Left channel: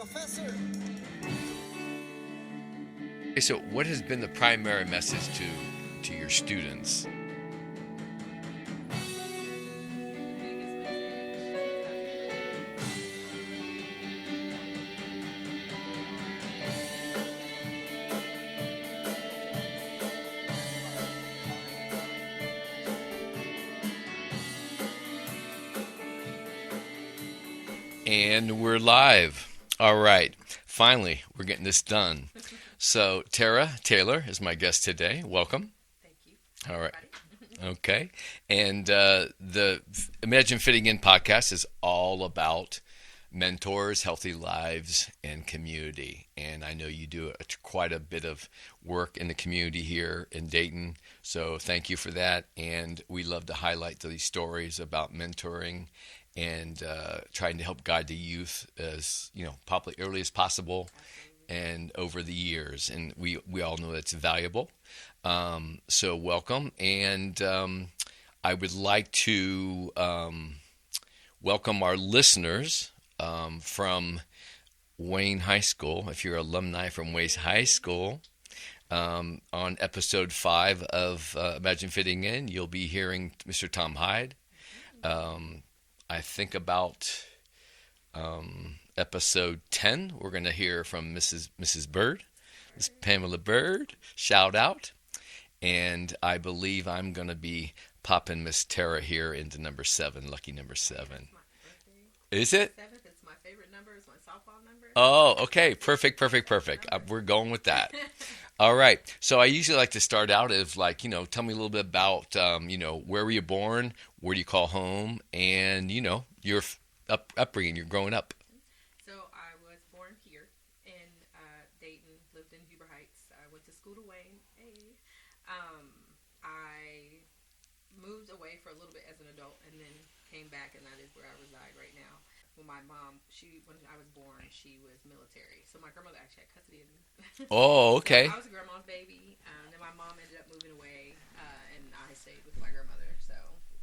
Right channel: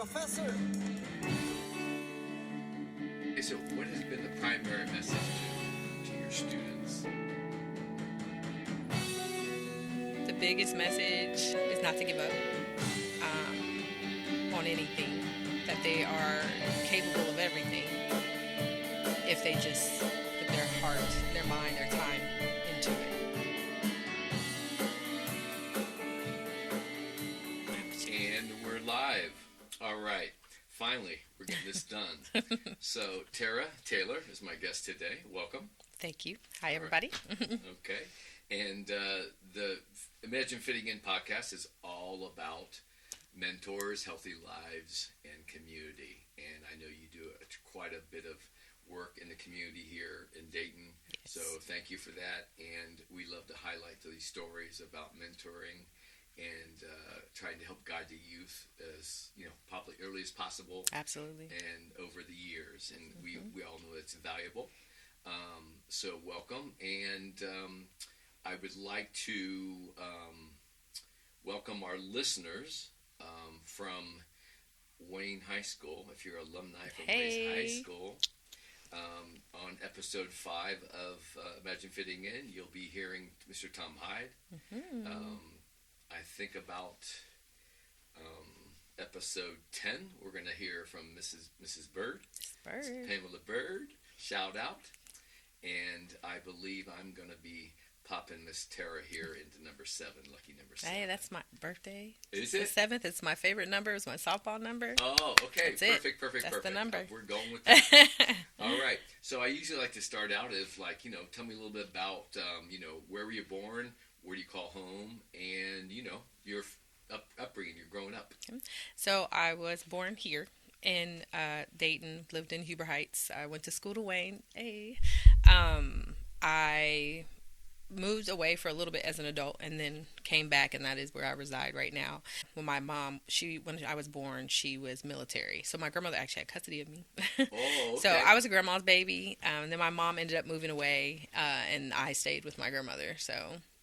Professor. Okay, so what has been the primary message to your students? The biggest message is not to give up on anything, that they are capable of everything if they just put their heart, their mind, their time into it. And we're live. All right. Finally, we're getting this done. So, Tara Taylor is my guest today. Welcome. Thank you. Hi, All right. everybody. Okay. And the Imagine Fitting In podcast is all about mentors, healthy lives, and community. And I know you do quite a bit of work in the community here in Dayton. So thank you for that. And we love to highlight these stories about mentoring and trying to help guide the youth as probably early as possible Absolutely. and over the years. And we all know that's valuable. So welcome. And I would like to welcome our listeners from Wayne High School. If you're alumni from Wayne High School, on episode 5 of Imagine Fitting In, you'll be hearing Mr. Tom Hyde. I think about episode 10, we're going to hear from Mrs. Bird, Miss Pamela Bird. Shout out. And I believe I'm going to be popping Miss Tara here into number 7, lucky number 7. Hey, that's my birthday. Is it? 7th. It's my favorite number. It's my softball number. Oh, okay. That's Perfect. That's the number. We're going with that. All right. So I usually like to start out as tell me a little bit about, where were you born? Where do you call home? And, your upbringing, you're growing up. So I was born here in Dayton, lived in Huber Heights. I went to school to Wayne. I moved away for a little bit as an adult and then came back, and that is where I reside right now. When my mom, when I was born, she was military. So my grandmother actually had custody of me. Oh, okay. So I was a grandma's baby. Then my mom ended up moving away, and I stayed with my grandmother. So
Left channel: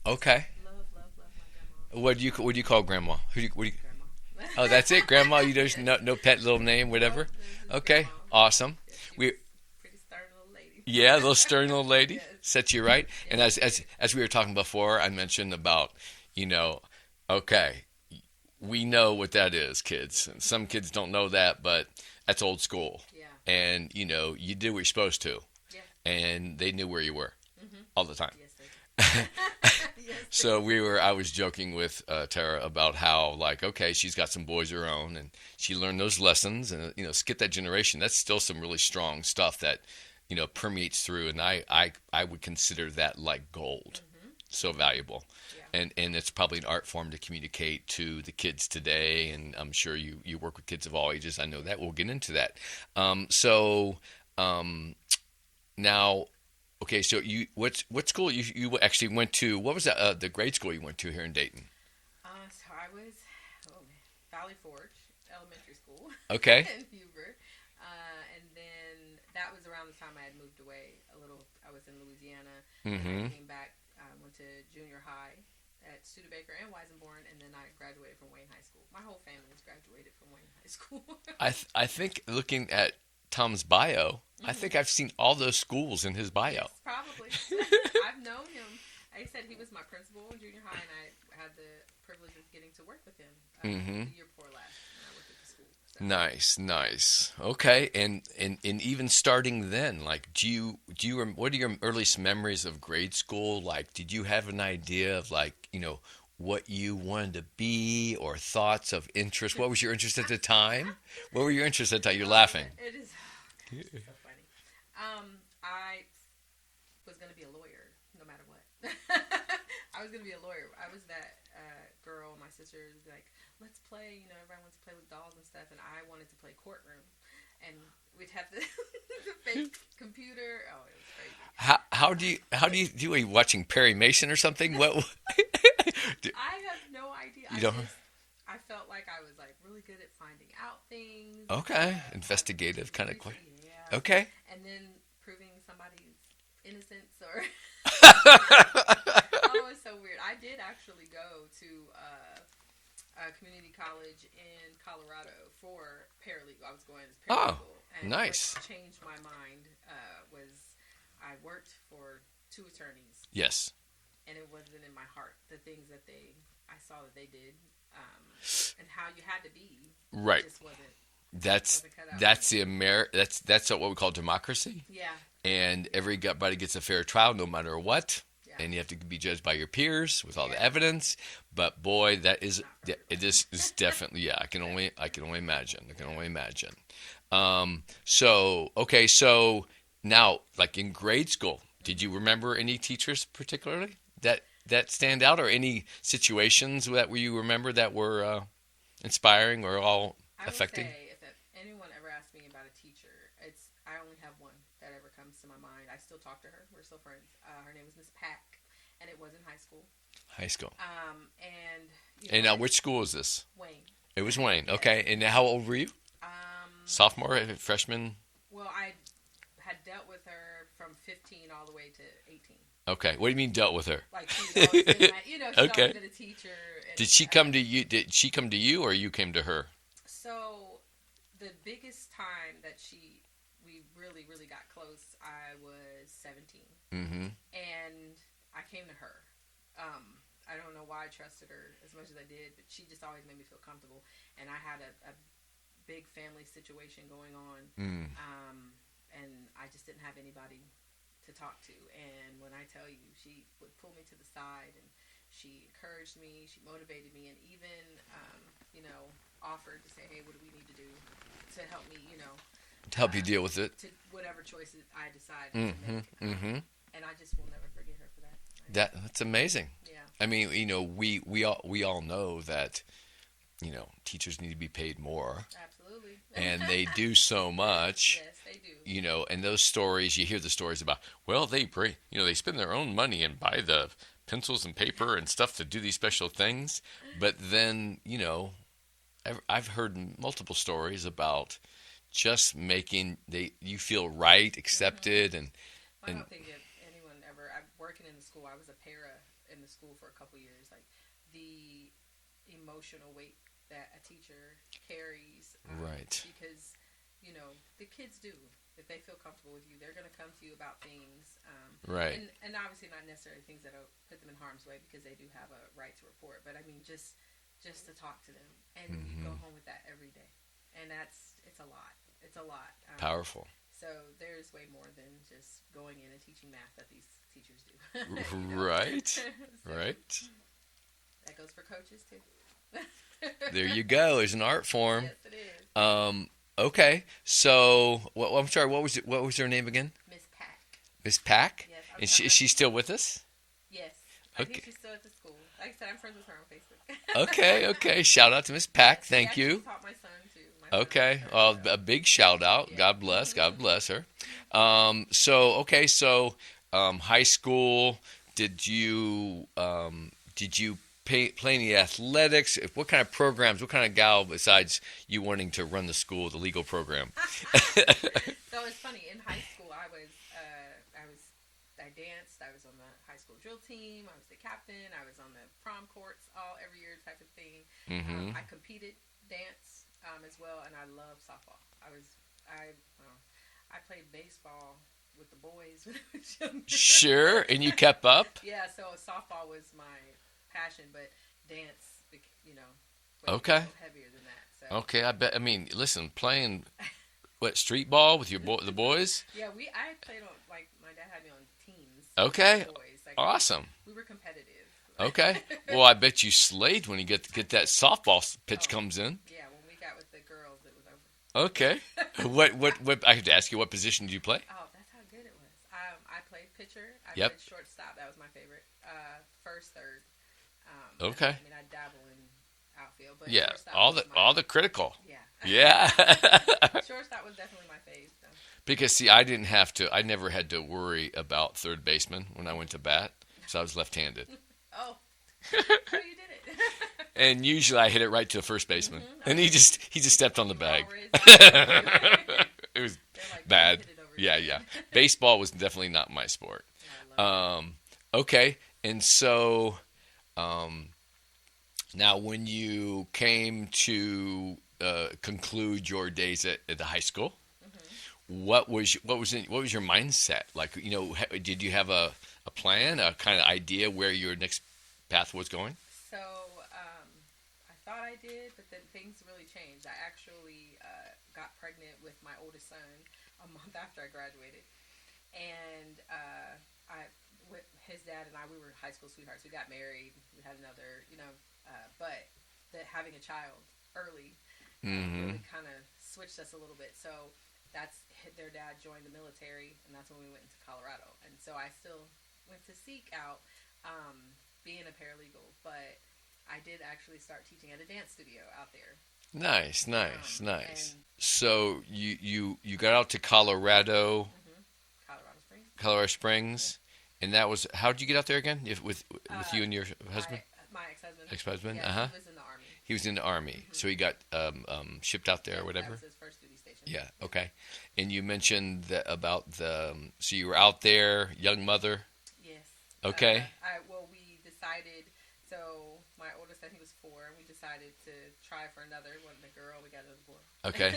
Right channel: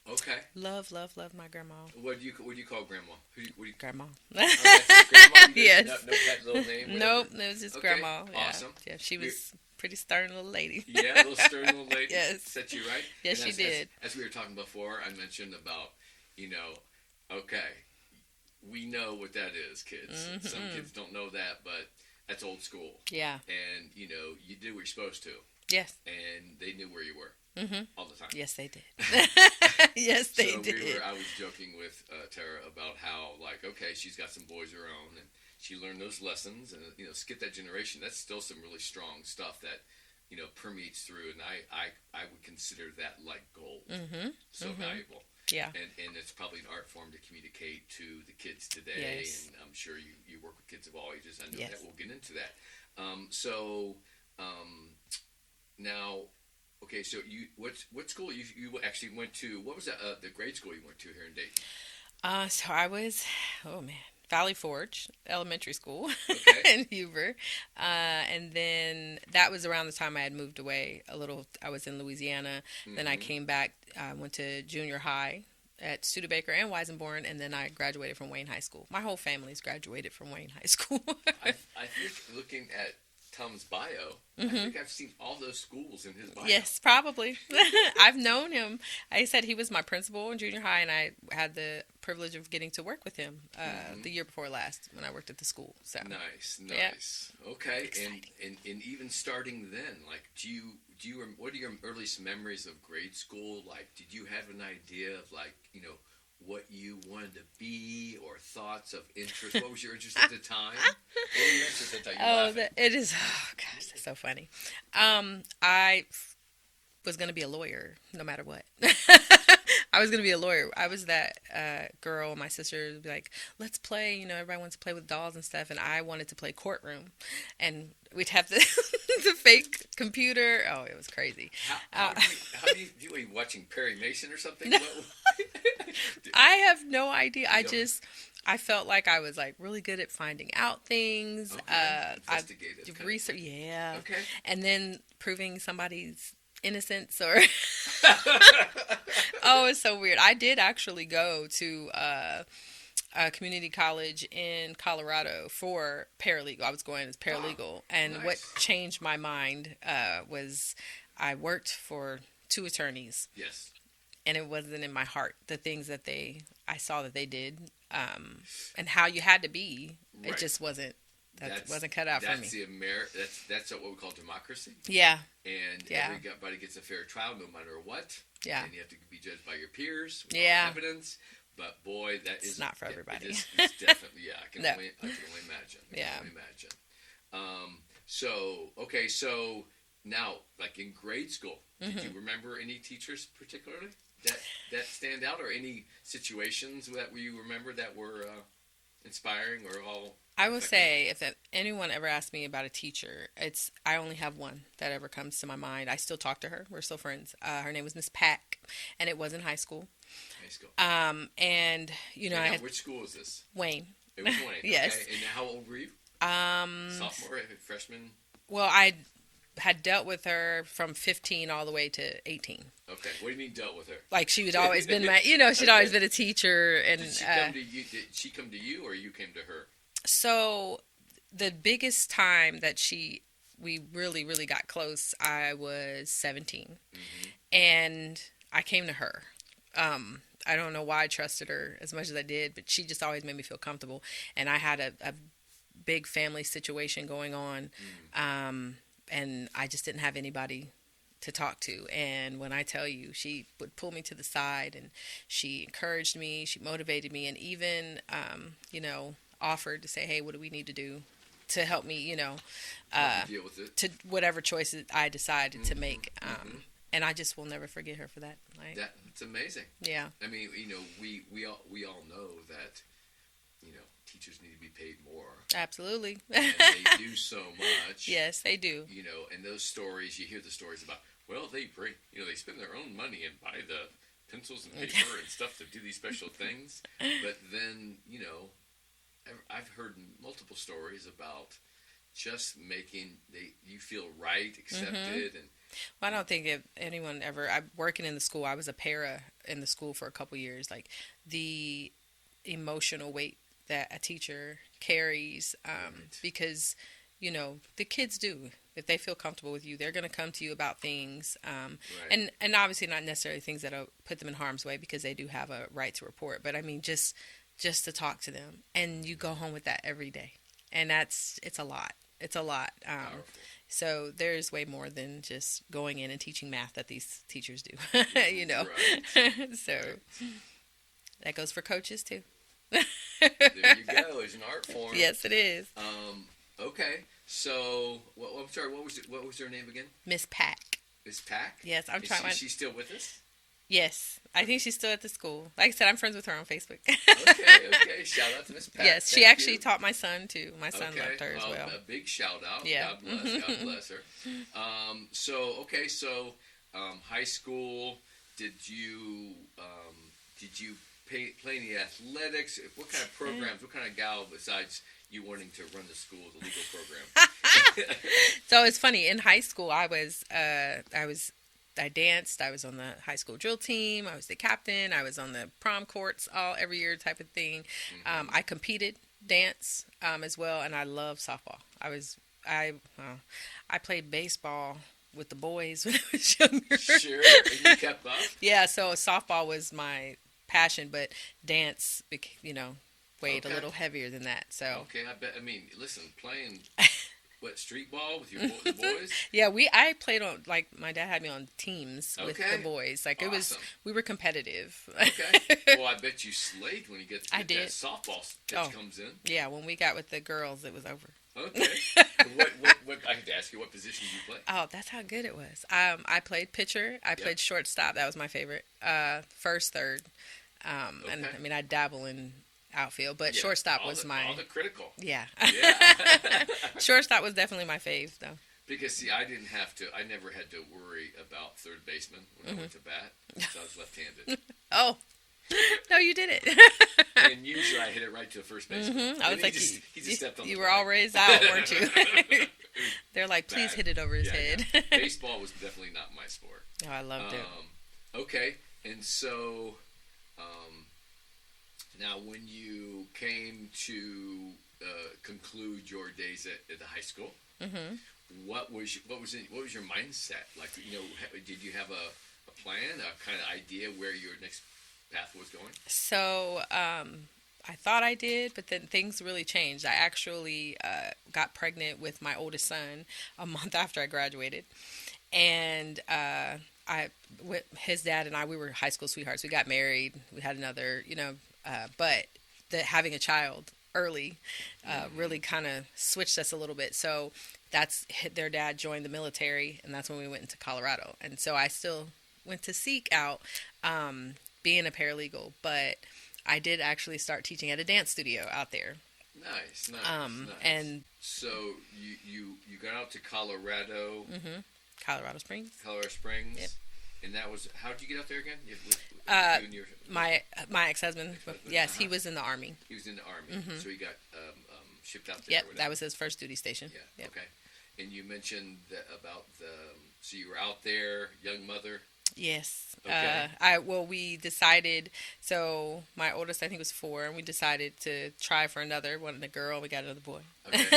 Okay. love my grandma. What do you call grandma? Grandma. Oh, that's it, grandma. You just Yes. no pet little name, whatever. Nope, it was just Okay, grandma. awesome. Yeah, she We- was pretty stern little lady. Yeah, little stern little lady. Yes. Set you right. Yes, And she as did. as we were talking before, I mentioned about, okay, we know what that is, kids. Mm-hmm. Some kids don't know that, but that's old school. Yeah. And you did what you're supposed to, Yes. and they knew where you were all the time. Yes, they did. Yes, they So did. I was joking with Tara about how, okay, she's got some boys of her own, and she learned those lessons, and skip that generation. That's still some really strong stuff that permeates through, and I would consider that like gold. So valuable. Yeah. And it's probably an art form to communicate to the kids today, Yes. and I'm sure you work with kids of all ages. I know Yes. that. We'll get into that. Now, okay, so what school you actually went to? What was that, the grade school you went to here in Dayton? So I was, Valley Forge Elementary School. Okay. In Huber. And then that was around the time I had moved away a little. I was in Louisiana. Then I came back, went to junior high at Studebaker and Weisenborn, and then I graduated from Wayne High School. My whole family's graduated from Wayne High School. I think looking at Tom's bio, I think I've seen all those schools in his bio. Yes, probably. I've known him. I said he was my principal in junior high, and I had the privilege of getting to work with him the year before last when I worked at the school. So Nice. Okay, and even starting then, what are your earliest memories of grade school? Like, did you have an idea of what you wanted to be, or thoughts of interest? What was your interest at the time? What were your interests at the time? You're laughing. It is. Oh gosh, that's so funny. I was going to be a lawyer no matter what. I was going to be a lawyer. I was that girl. My sister would be like, let's play. Everybody wants to play with dolls and stuff. And I wanted to play courtroom. And we'd have the fake computer. Oh, it was crazy. How do you do? Are you watching Perry Mason or something? What? I have no idea. You don't- I felt like I was really good at finding out things. Okay. Investigative kind of. research. Yeah. Okay. And then proving somebody's innocence or oh, it's so weird. I did actually go to a community college in Colorado for paralegal. I was going as Oh, paralegal, and nice. what changed my mind was I worked for two attorneys, Yes. and it wasn't in my heart the things that I saw that they did, and how you had to be. Right. It just wasn't. That's wasn't cut out that's for me. that's what we call democracy, Yeah. and Yeah. everybody gets a fair trial no matter what. Yeah. And you have to be judged by your peers with all the Yeah. evidence. But boy, that is not for it everybody. is it's definitely I can No. only imagine. I can Yeah. only imagine. So okay, so now like in grade school, did you remember any teachers particularly that stand out, or any situations that you remember that were inspiring or all I would affecting? say if anyone ever asks me about a teacher, I only have one that ever comes to my mind. I still talk to her. We're still friends. Her name was Miss Pack, and it was in high school. High school. And you know, And now, which school is this? Wayne. It was Wayne. Yes. Okay. And how old were you? Sophomore, freshman? Well, I had dealt with her from 15 all the way to 18. Okay. What do you mean dealt with her? Like she'd always been my, she'd Okay. always been a teacher. And Did she come to you? Did she come to you, or you came to her? So the biggest time that we really, really got close, I was 17. Mm-hmm. And I came to her. I don't know why I trusted her as much as I did, but she just always made me feel comfortable. And I had a big family situation going on, and I just didn't have anybody to talk to. And when I tell you, she would pull me to the side, and she encouraged me, she motivated me, and even, offered to say, hey, what do we need to do to help me, To help you deal with it. to whatever choices I decided to make. And I just will never forget her for that. That's amazing. Yeah. I mean, we all know that, teachers need to be paid more, Absolutely. and they do so much. Yes, they do. And those stories, you hear the stories about, well, they spend their own money and buy the pencils and paper and stuff to do these special things. But then, I've heard multiple stories about just making you feel right, accepted, and I don't think if anyone ever. I'm working in the school. I was a para in the school for a couple years. Like the emotional weight that a teacher carries, Right. because the kids do. If they feel comfortable with you, they're going to come to you about things, Right. and obviously not necessarily things that'll put them in harm's way, because they do have a right to report. But I mean, just to talk to them, and you go home with that every day, and it's a lot. It's a lot. Powerful. So there's way more than just going in and teaching math that these teachers do. Right. So Right. that goes for coaches too. There you go. There's an art form. Yes, it is. Okay. So, I'm sorry. What was her name again? Miss Pack. Miss Pack. Yes, I'm Is trying. she still with us? Yes, I think she's still at the school. Like I said, I'm friends with her on Facebook. Okay. Shout out to Miss Pack. Yes, Thank she actually you. taught my son too. My son Okay. loved her as Well, well. a big shout out. Yeah. God bless. God bless her. So high school. Did you play any athletics? What kind of programs? What kind of gal besides you wanting to run the school, the legal program? So it's funny. In high school, I danced. I was on the high school drill team. I was the captain. I was on the prom courts every year type of thing. I competed dance as well, and I love softball. I played baseball with the boys when I was younger. Sure, and you kept up. Yeah, so softball was my passion, but dance, weighed Okay. a little heavier than that. So Okay, I bet. I mean, listen, playing street ball with the boys. yeah, I played on, like, my dad had me on teams Okay. with the boys. Like, Awesome. We were competitive. Okay. Well, I bet you slayed when you get I that did. softball pitch Oh. comes in. Yeah, when we got with the girls, it was over. Okay. what I have to ask you, what position did you play? Oh, that's how good it was. I played pitcher. I played shortstop. That was my favorite. First, third. And, Okay. I mean, I dabble in outfield, but Yeah, shortstop all was the my... all the critical. Yeah. Yeah. Shortstop was definitely my fave, though. Because see, I never had to worry about third baseman when I went to bat, so I was left-handed. Oh. No, you did it. And usually I hit it right to the first baseman, and he just stepped on the You bag. were all raised out, weren't you? It was They're like, please bad. hit it over his head. Yeah. Baseball was definitely not my sport. Oh, I loved it. Okay, and so, Now, when you came to conclude your days at the high school, Hmm. what was your mindset? Like, did you have a plan, a kind of idea where your next path was going? So I thought I did, but then things really changed. I actually got pregnant with my oldest son a month after I graduated, and his dad and I, we were high school sweethearts. We got married. We had another, but having a child early Hmm. really kind of switched us a little bit. So their dad joined the military, and that's when we went into Colorado. And so I still went to seek out um, being a paralegal, but I did actually start teaching at a dance studio out there. Nice, nice, nice. And So you got out to Colorado, hmm Colorado Springs. Colorado Yep. Springs, and that was how did you get out there again? If, with Uh, you and your husband, my ex-husband. ex-husband? Yes, he was in the army. He was in the army, Hmm. so he got shipped out there, Yep, or that whatever. was his first duty station. Yeah. Yep. Okay. And you mentioned that about the so you were out there, young mother. Yes. Okay. We decided. So my oldest, I think, was 4, and we decided to try for another. Wanted a girl, we got another boy. Okay.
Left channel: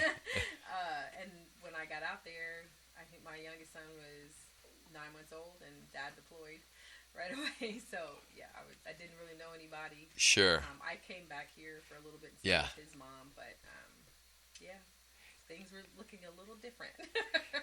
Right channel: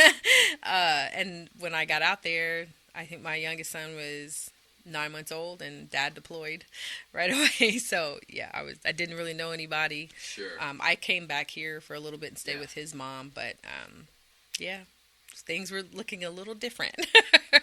And when I got out there, I think my youngest son was 9 months old, and Dad deployed right away. So yeah, I didn't really know anybody. Sure. I came back here for a little bit and stayed Yeah. with his mom, but yeah, things were looking a little different.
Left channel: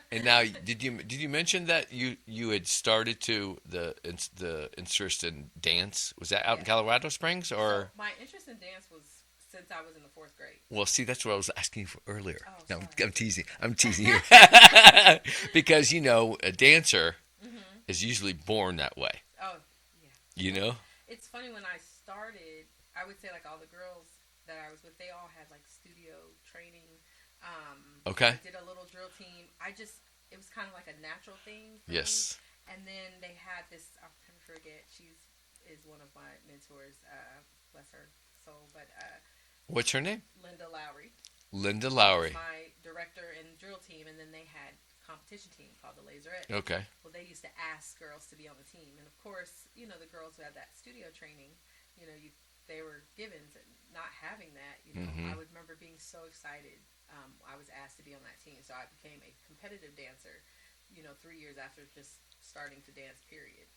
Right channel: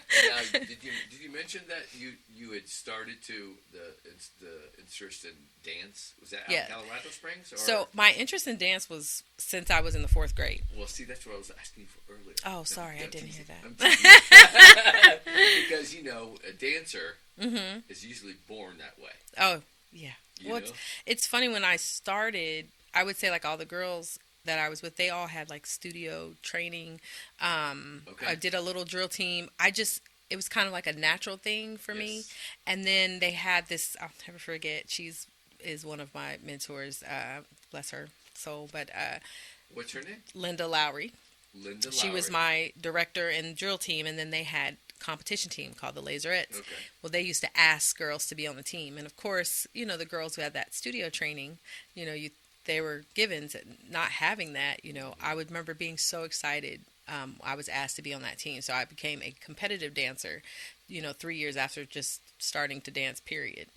And now, did you mention that you had started to the interest in dance? Was that out in Yeah. Colorado Springs or? So my interest in dance was since I was in the 4th grade. Well, see, that's what I was asking you for earlier. Oh, No, sorry, I I'm didn't teasing. know I'm that. teasing. Because a dancer Hmm. is usually born that way. Oh, yeah. You Well, know. it's funny when I started. I would say like all the girls that I was with, they all had like studio training. I Okay. did a little drill team. It was kind of like a natural thing for me. Yes. And then they had this. I'll never forget. She's is one of my mentors. Bless her soul. But What's her name? Linda Lowry. Linda She was Lowry. my director in drill team, and then they had competition team called the Laserettes. Okay. Well, they used to ask girls to be on the team, and of course, the girls who had that studio training, they were given to not having that. Hmm. I would remember being so excited. I was asked to be on that team, so I became a competitive dancer. 3 years after just starting to dance, period,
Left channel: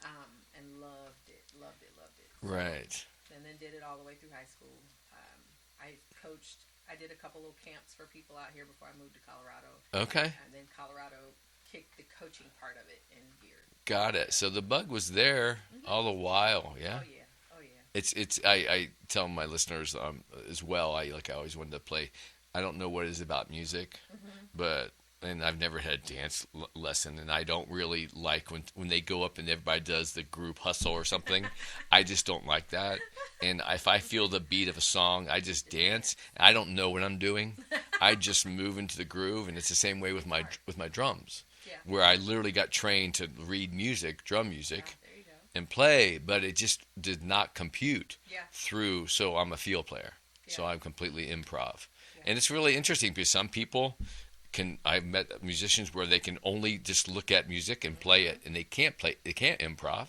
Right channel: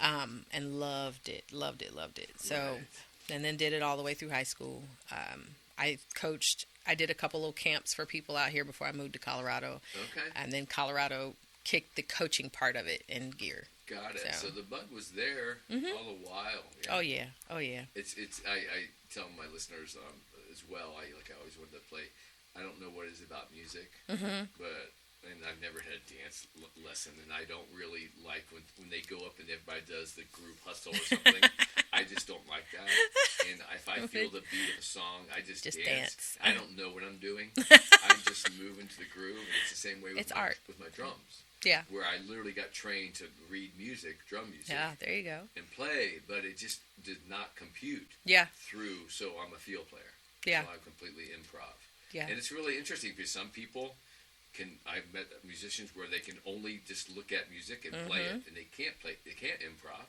and loved it, loved it, loved it. So, Right. and then did it all the way through high school. I coached. I did a couple little camps for people out here before I moved to Colorado, Okay. and then Colorado kicked the coaching part of it in gear. Got it. So, So the bug was there hmm all the while. Yeah. oh yeah, oh yeah, It's I tell my listeners as well. I always wanted to play. I don't know what it is about music, hmm but and I've never had a dance lesson, and I don't really like when they go up and everybody does the group hustle or something. I just don't like that. And if I feel the beat of a song, I just just dance. dance. I don't know what I'm doing. I just move into the groove, and it's the same way with It's my art. with my drums, Yeah, where I literally got trained to read music, drum music, yeah. There you go. and play, but it just did not compute Yeah, through. So I'm a field player. yeah, So I'm completely improv. yeah. And it's really interesting because some people I've met musicians where they can only just look at music and play Hmm. it, and they can't improv.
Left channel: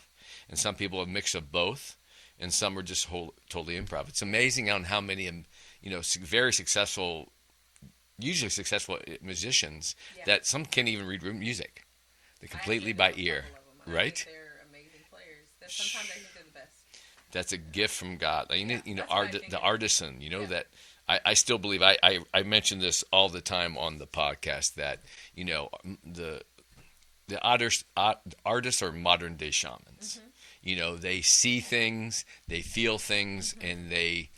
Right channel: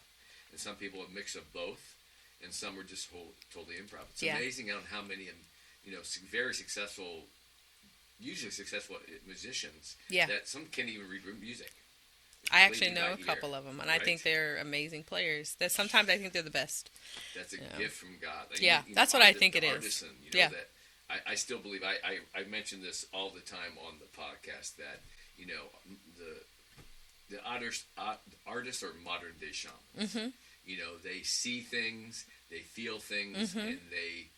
And some people a mix of both, and some are just totally improv. It's Yeah. amazing on how many, very successful, usually successful musicians Yeah. that some can't even read music. They I actually completely know by a ear. couple of them, and I right? think they're amazing players. That sometimes I think they're the best. That's a Yeah. gift from God. Yeah, that's what I think the it is. artisan, Yeah. that I still believe. I mention this all the time on the podcast that the artists are modern day shamans. Hmm. They see things, they feel things, Hmm. and they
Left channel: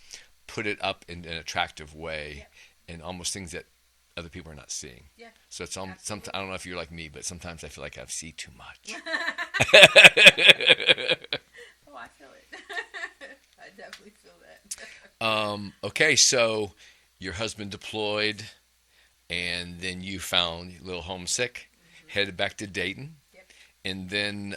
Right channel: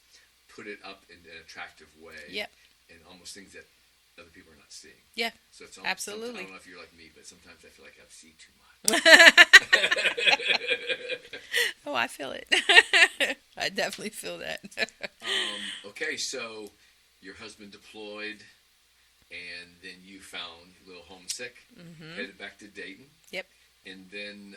put it up in an attractive way, Yep. and almost things that other people are not seeing. Yeah, So it's almost, absolutely. I don't know if you're like me, but sometimes I feel like I see too much. Oh, I feel it. I definitely feel that. Okay, so your husband deployed, and then you found a little homesick, headed back to Dayton, Yep. and then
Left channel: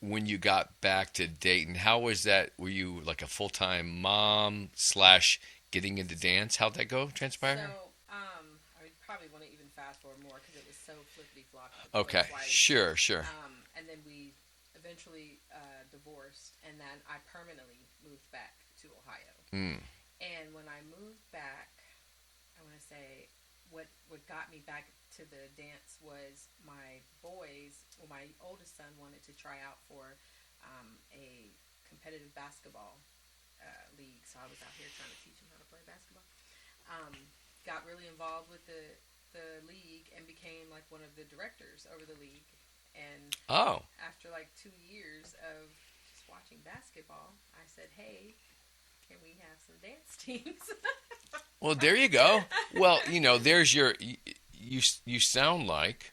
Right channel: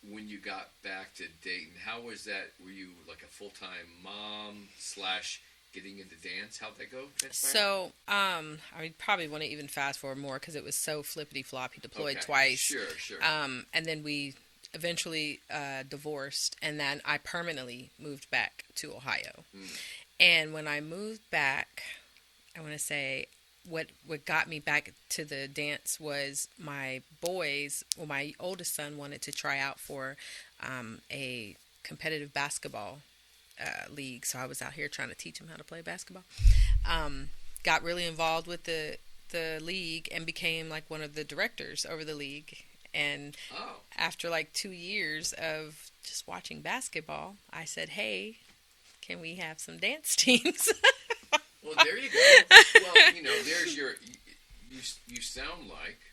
when you got back to Dayton, how was that? Were you like a full-time mom slash getting into dance? How'd that go? Transpire? So, I probably want to even fast forward more because it was so flippity floppy. Deployed Okay, twice. sure. And then we eventually divorced, and then I permanently moved back to Ohio. Mm. And when I moved back, I want to say what got me back to the dance was my boys. Well, my oldest son wanted to try out for a competitive basketball league, so I was out here trying to teach him how to play basketball. Got really involved with the league and became like one of the directors over the league. And after like 2 years of just watching basketball, I said, "Hey, can we have some dance teams?" Well, there you go. Well, there's your. You sound like,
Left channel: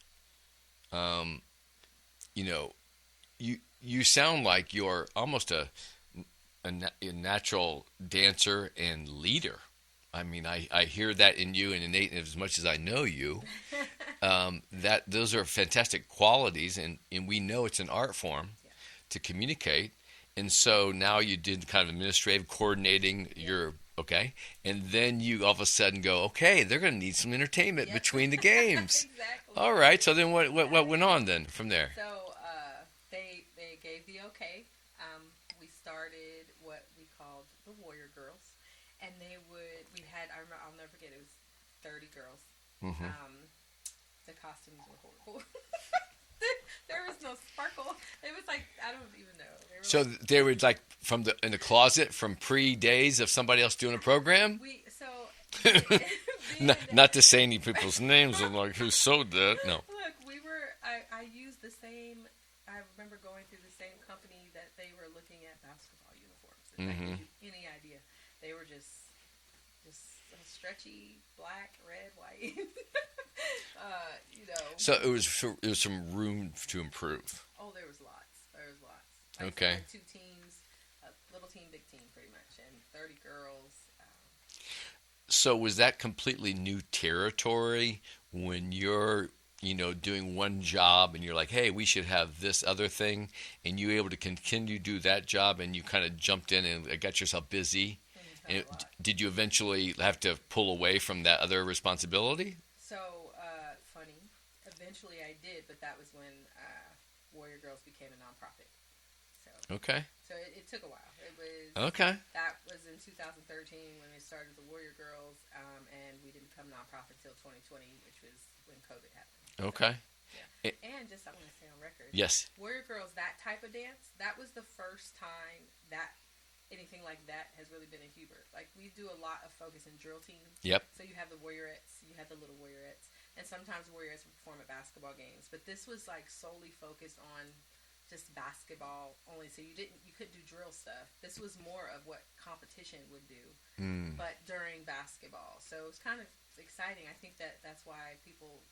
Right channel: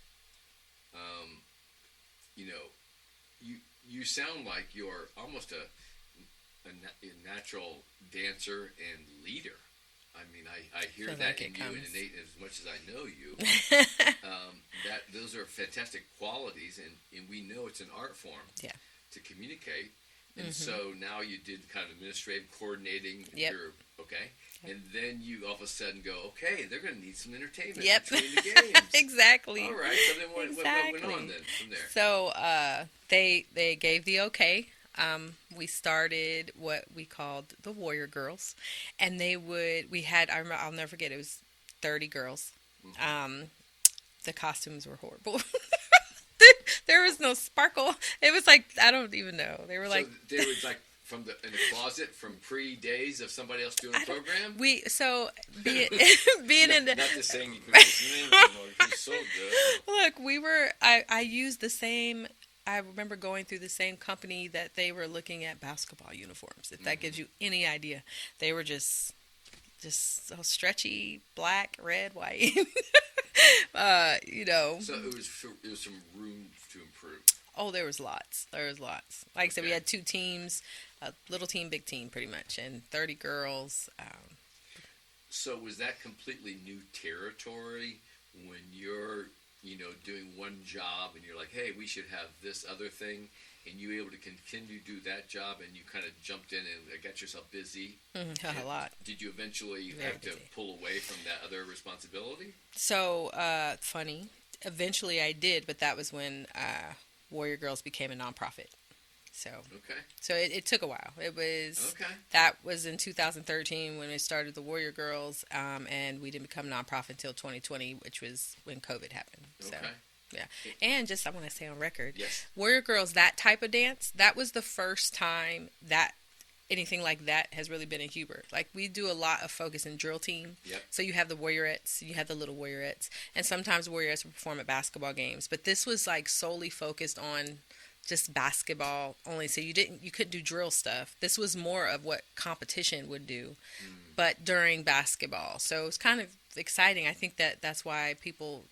you sound like you're almost a natural dancer and leader. I mean, I hear that in you, and innate as much as I know you. That those are fantastic qualities, and we know it's an art form to communicate. And so now you did kind of administrative coordinating your and then you all of a sudden go, okay, they're going to need some entertainment between the games. Exactly. All right. So then what went on then from there? So they gave the okay. We started what we called the Warrior Girls, and I'll never forget, it was 30 girls. The costumes were horrible. There was no sparkle. It was like, I don't even know. They were they were like in the closet from pre-days of somebody else doing a program? Being not to say any people's names, I'm like, who sold that? No. Look, I used the same, I remember going through the same company that they were looking at basketball uniforms, if that gives you any idea. They were just so stretchy, black, red, white. So it was some room to improve. Oh, there was lots. Like I said, we had 2 teams, a little team, big team, pretty much, and 30 girls. So was that completely new territory when you're, doing one job and you're like, hey, we should have this other thing, and you were able to continue to do that job, and you kind of jumped in and got yourself busy? Had a lot. Did you eventually have to pull away from that other responsibility? So, funny. Eventually I did, but that was when Warrior Girls became a nonprofit. So it took a while. It was that was in 2013 when we started the Warrior Girls, and we didn't become nonprofit until 2020, which was when COVID happened. Okay. So, yeah. And just, I want to say on record, yes, Warrior Girls, that type of dance, that was the first time that anything like that has really been in Huber. Like, we do a lot of focus in drill team. Yep. So you have the Warriorettes, you have the little Warriorettes, and sometimes Warriorettes will perform at basketball games. But this was like solely focused on just basketball only. So you couldn't do drill stuff. This was more of what competition would do, but during basketball. So it was kind of exciting. I think that's why people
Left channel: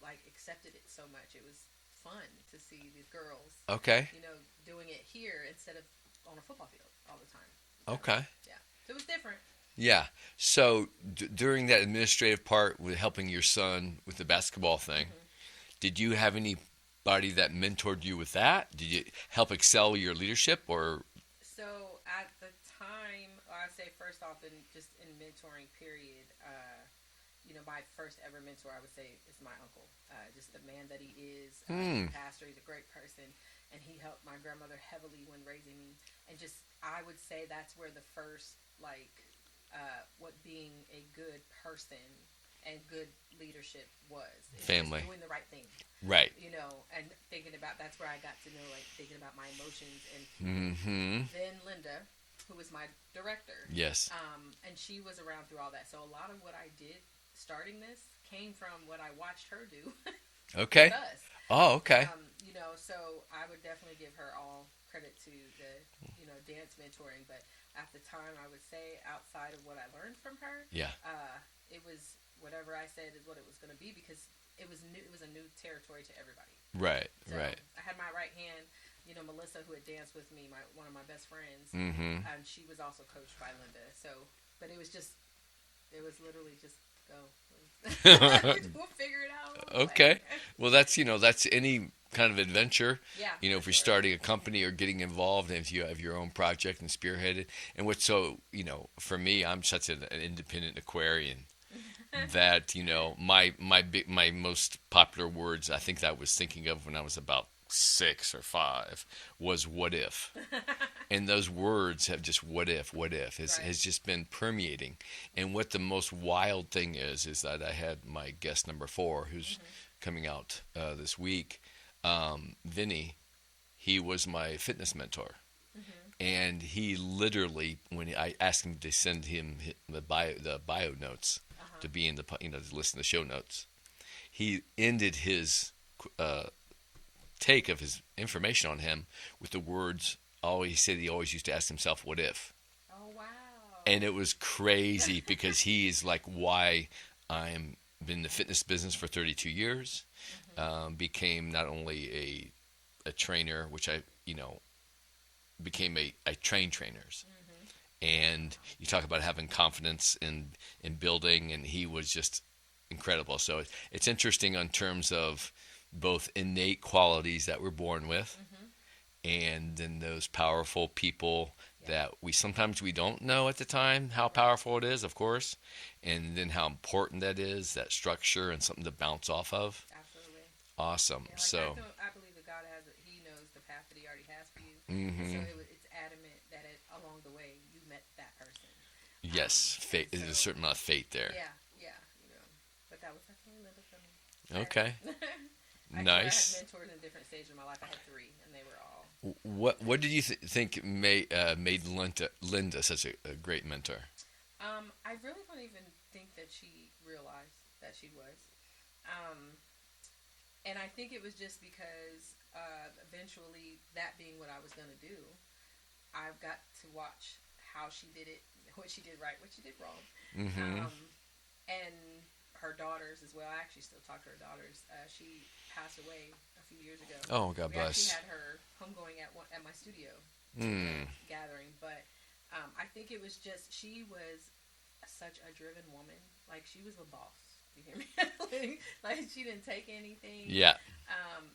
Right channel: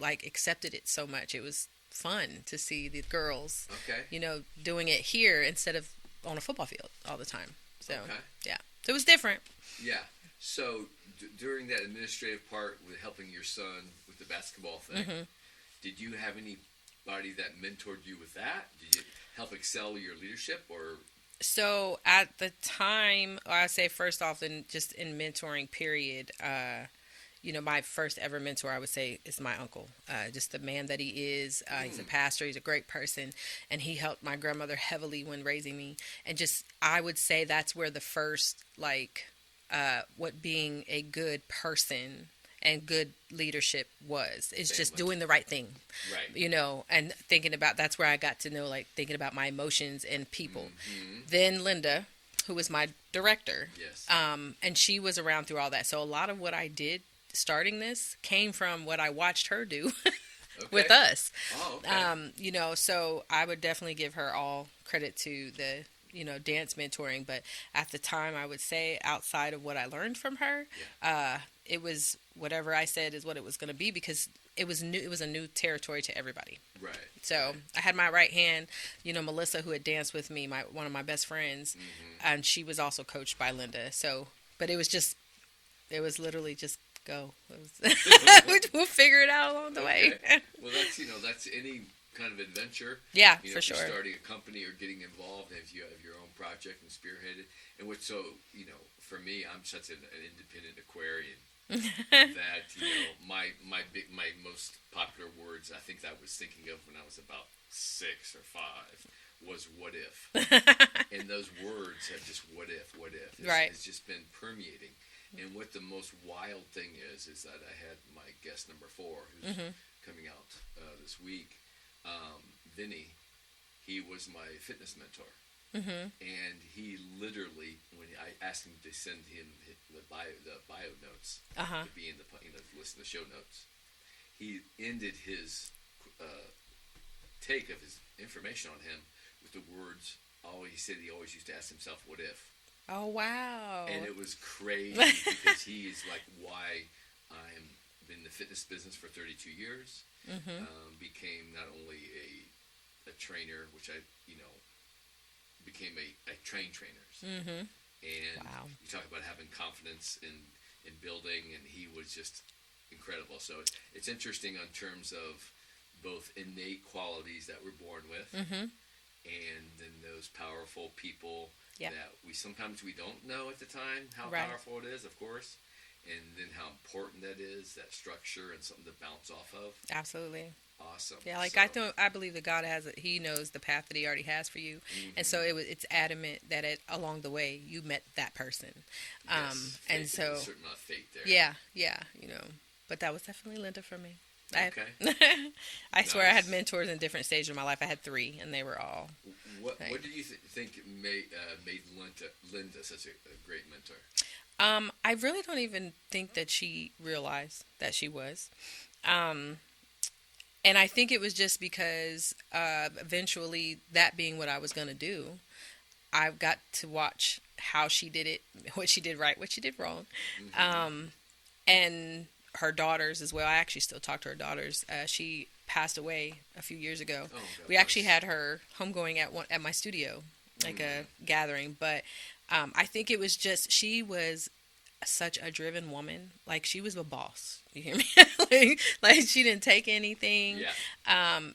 like accepted it so much. It was fun to see the girls, doing it here instead of on a football field all the time. So, yeah. So it was different. Yeah. So during that administrative part with helping your son with the basketball thing, did you have anybody that mentored you with that? Did you help excel your leadership, or? So at the time, I say first off, in mentoring period, my first ever mentor, I would say, is my uncle. Just the man that he is. He's a pastor. He's a great person. And he helped my grandmother heavily when raising me. And I would say that's where the first, what being a good person and good leadership was. It's just doing the right thing. Right. And thinking about, that's where I got to know, thinking about my emotions and people. Then Linda, who was my director. Yes. And she was around through all that. So a lot of what I did starting this came from what I watched her do with us. Oh, okay. So I would definitely give her all credit to the, dance mentoring. But at the time, I would say outside of what I learned from her, it was whatever I said is what it was going to be, because it was new. It was a new territory to everybody. Right. So I had my right hand, Melissa, who had danced with me, one of my best friends, and she was also coached by Linda. So, but it was literally just go. We'll figure it out along the way. Okay. Well, that's any kind of adventure. Yeah. If you're starting a company or getting involved, and if you have your own project and spearhead it. And what's so, for me, I'm such an independent Aquarian that, my most popular words, I think that I was thinking of when I was about 6 or 5 was what if. And those words have just what if Right. has just been permeating. And what the most wild thing is that I had my guest number 4 who's coming out this week, Vinny. He was my fitness mentor. And he literally, when I asked him to send him the bio notes to be in the to listen to the show notes, he ended his take of his information on him with the words. Oh, he said he always used to ask himself, "What if?" Oh, wow. And it was crazy because he is like why I'm been in the fitness business for 32 years. Became not only a trainer, which I became I train trainers. And Wow. you talk about having confidence in building, and he was just incredible. So it's interesting on terms of both innate qualities that we're born with, and then those powerful people Yep. that we don't know at the time how Right. powerful it is, of course, and then how important that is, that structure and something to bounce off of. Absolutely. Awesome. Yeah, like So, I believe that God he knows the path that He already has for you, and so it's adamant that along the way you met that person. yes, And fate, there's a certain amount of fate there. yeah, but that was definitely Linda for me. Okay. I swear I had Nice. mentors in different stages of my life. I had 3, and they were all. What did you think made Linda such a great mentor? I really don't even think that she realized that she was. And I think it was just because eventually, that being what I was going to do, I got to watch how she did it, what she did right, what she did wrong. And her daughters as well. I actually still talk to her daughters. She passed away a few years ago. Oh, God We bless. actually had her homegoing at my studio, like a gathering. But I think it was just she was such a driven woman. Like she was a boss. You hear me? like she didn't take anything. Yeah.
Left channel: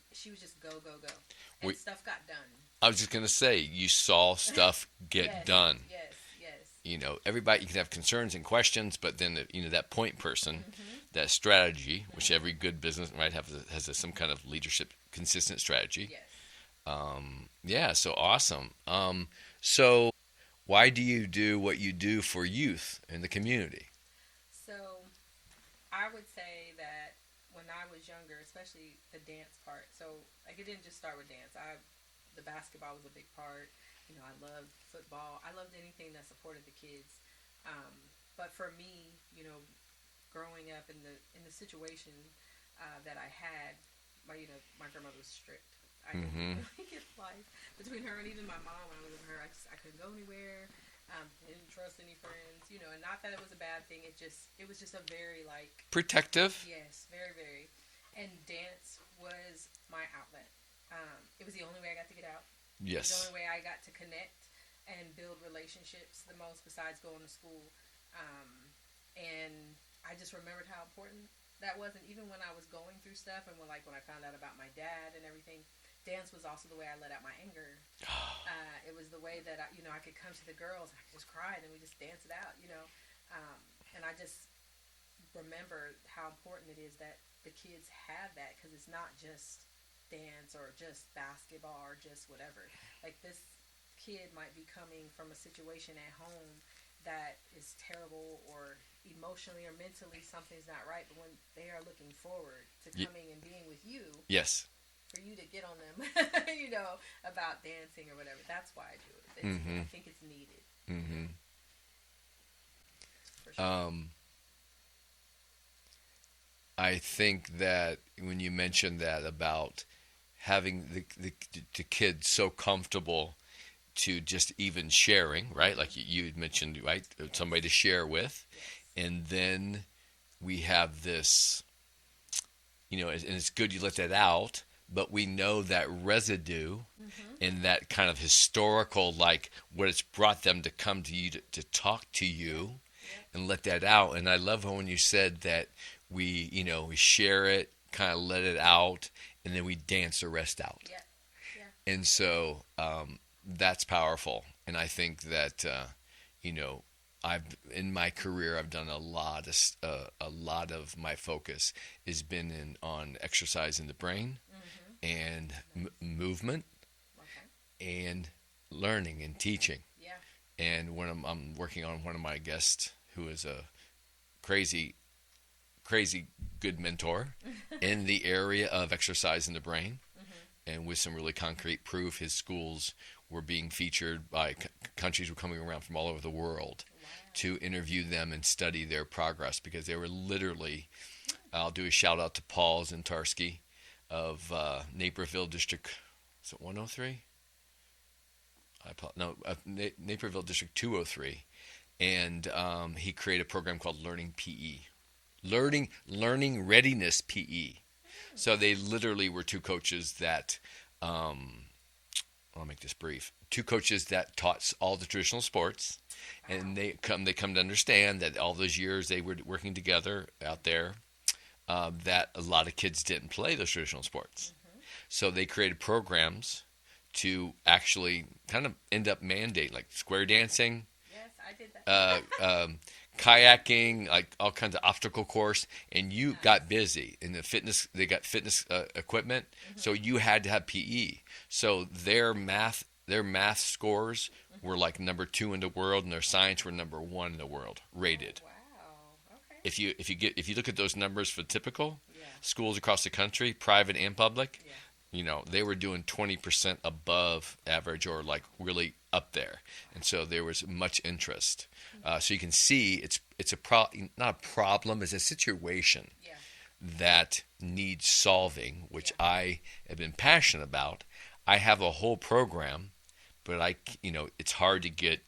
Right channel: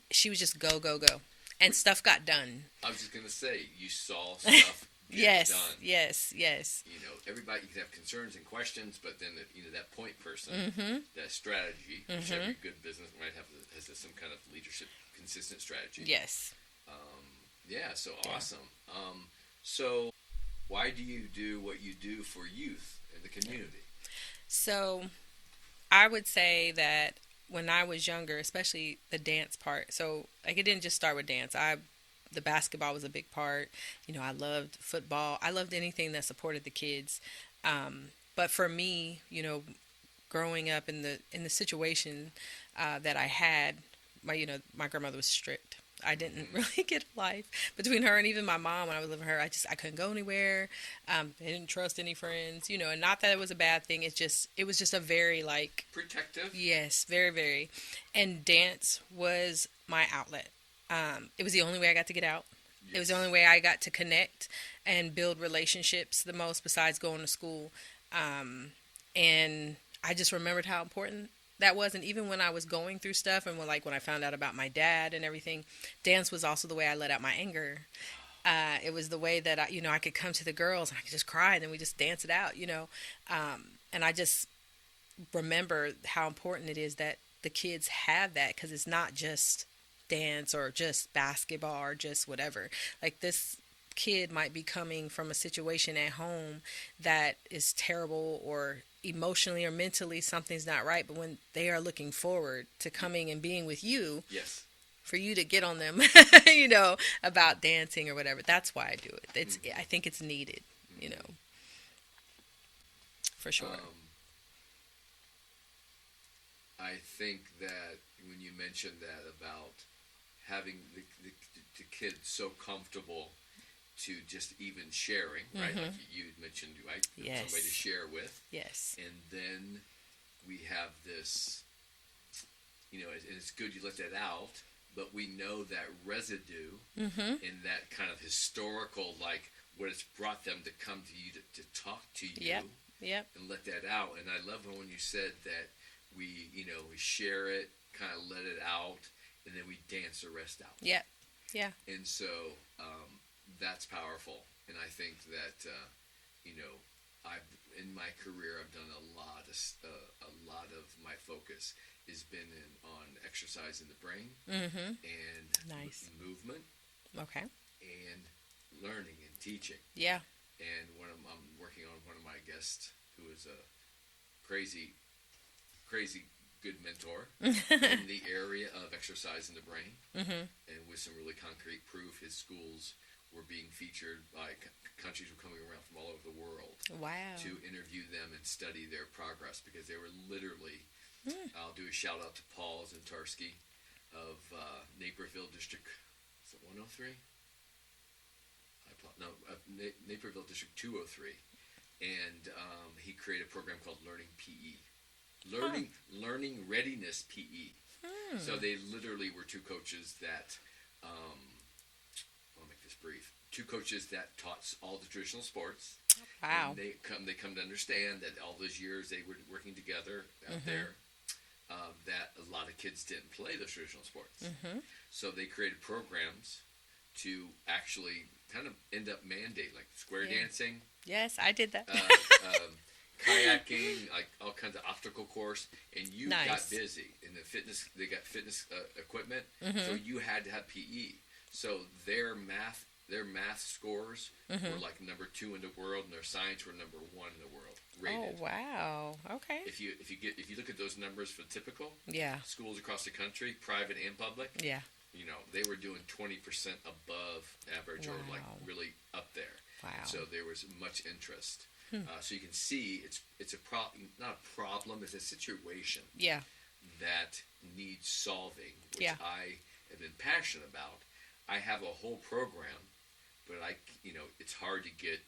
She was just go go go, and stuff got done. I was just gonna say you saw stuff get Yes, done. yes, yes. Everybody you can have concerns and questions, but then that point person, that strategy, which every good business has some kind of leadership consistent strategy. Yes. Yeah. So awesome. So why do you do what you do for youth in the community? So I would say that when I was younger, especially the dance part. So like it didn't just start with dance. The basketball was a big part. I loved football. I loved anything that supported the kids. But for me, growing up in the situation that I had, my grandmother was strict. I didn't really get a life between her and even my mom when I was living with her. I couldn't go anywhere. I didn't trust any friends, and not that it was a bad thing. It was just a very Protective. yes, very, very. And dance was my outlet. It was the only way I got to get out. Yes. It was the only way I got to connect and build relationships the most besides going to school. And I just remembered how important that was. And even when I was going through stuff and when I found out about my dad and everything, dance was also the way I let out my anger. It was the way that I could come to the girls and I could just cry and then we just dance it out, and I just remember how important it is that the kids have that, because it's not just dance or just basketball or just whatever. Like this kid might be coming from a situation at home that is terrible, or emotionally or mentally something's not right, but when they are looking forward to coming and being with you, Yes. for you to get on them about dancing or whatever, that's why I do it. I think it's needed, for sure. I think that when you mentioned that about having the kids so comfortable to just even sharing, right? Like you had mentioned, right? Yes. Somebody to share with. Yes. And then we have this, and it's good you let that out, but we know that residue in that kind of historical, like what it's brought them to come to you to talk to you Yep. and let that out. And I love when you said that we share it, kind of let it out, and then we dance the rest out. Yeah. Yeah. And so that's powerful. And I think that, I've in my career I've done a lot of my focus has been on exercising the brain and Nice. movement Okay. and learning and teaching. Yeah. And when I'm working on one of my guests who is a crazy, crazy good mentor in the area of exercising the brain, and with some really concrete proof, his schools were being featured by countries were coming around from all over the world Wow. to interview them and study their progress because they were literally. I'll do a shout out to Paul Zintarski of Naperville District. Is it 103? Naperville District 203, and he created a program called Learning PE, Learning Readiness PE. So they literally were two coaches that, I'll make this brief. Two coaches that taught all the traditional sports, Wow. and they come to understand that all those years they were working together out there. That a lot of kids didn't play those traditional sports, so they created programs to actually kind of end up mandate like square dancing, Yes, I did that. kayaking, like all kinds of obstacle course, and you Nice. got busy in the fitness. They got fitness equipment, so you had to have PE. So their math scores were like number 2 in the world, and their science were number 1 in the world rated. Oh, wow. Okay. If you look at those numbers for typical Yeah. schools across the country, private and public, Yeah. they were doing 20% above average or like really up there. Wow. And so there was much interest. So you can see it's not a problem, it's a situation Yeah. that needs solving, which Yeah. I have been passionate about. I have a whole program, but it's hard to get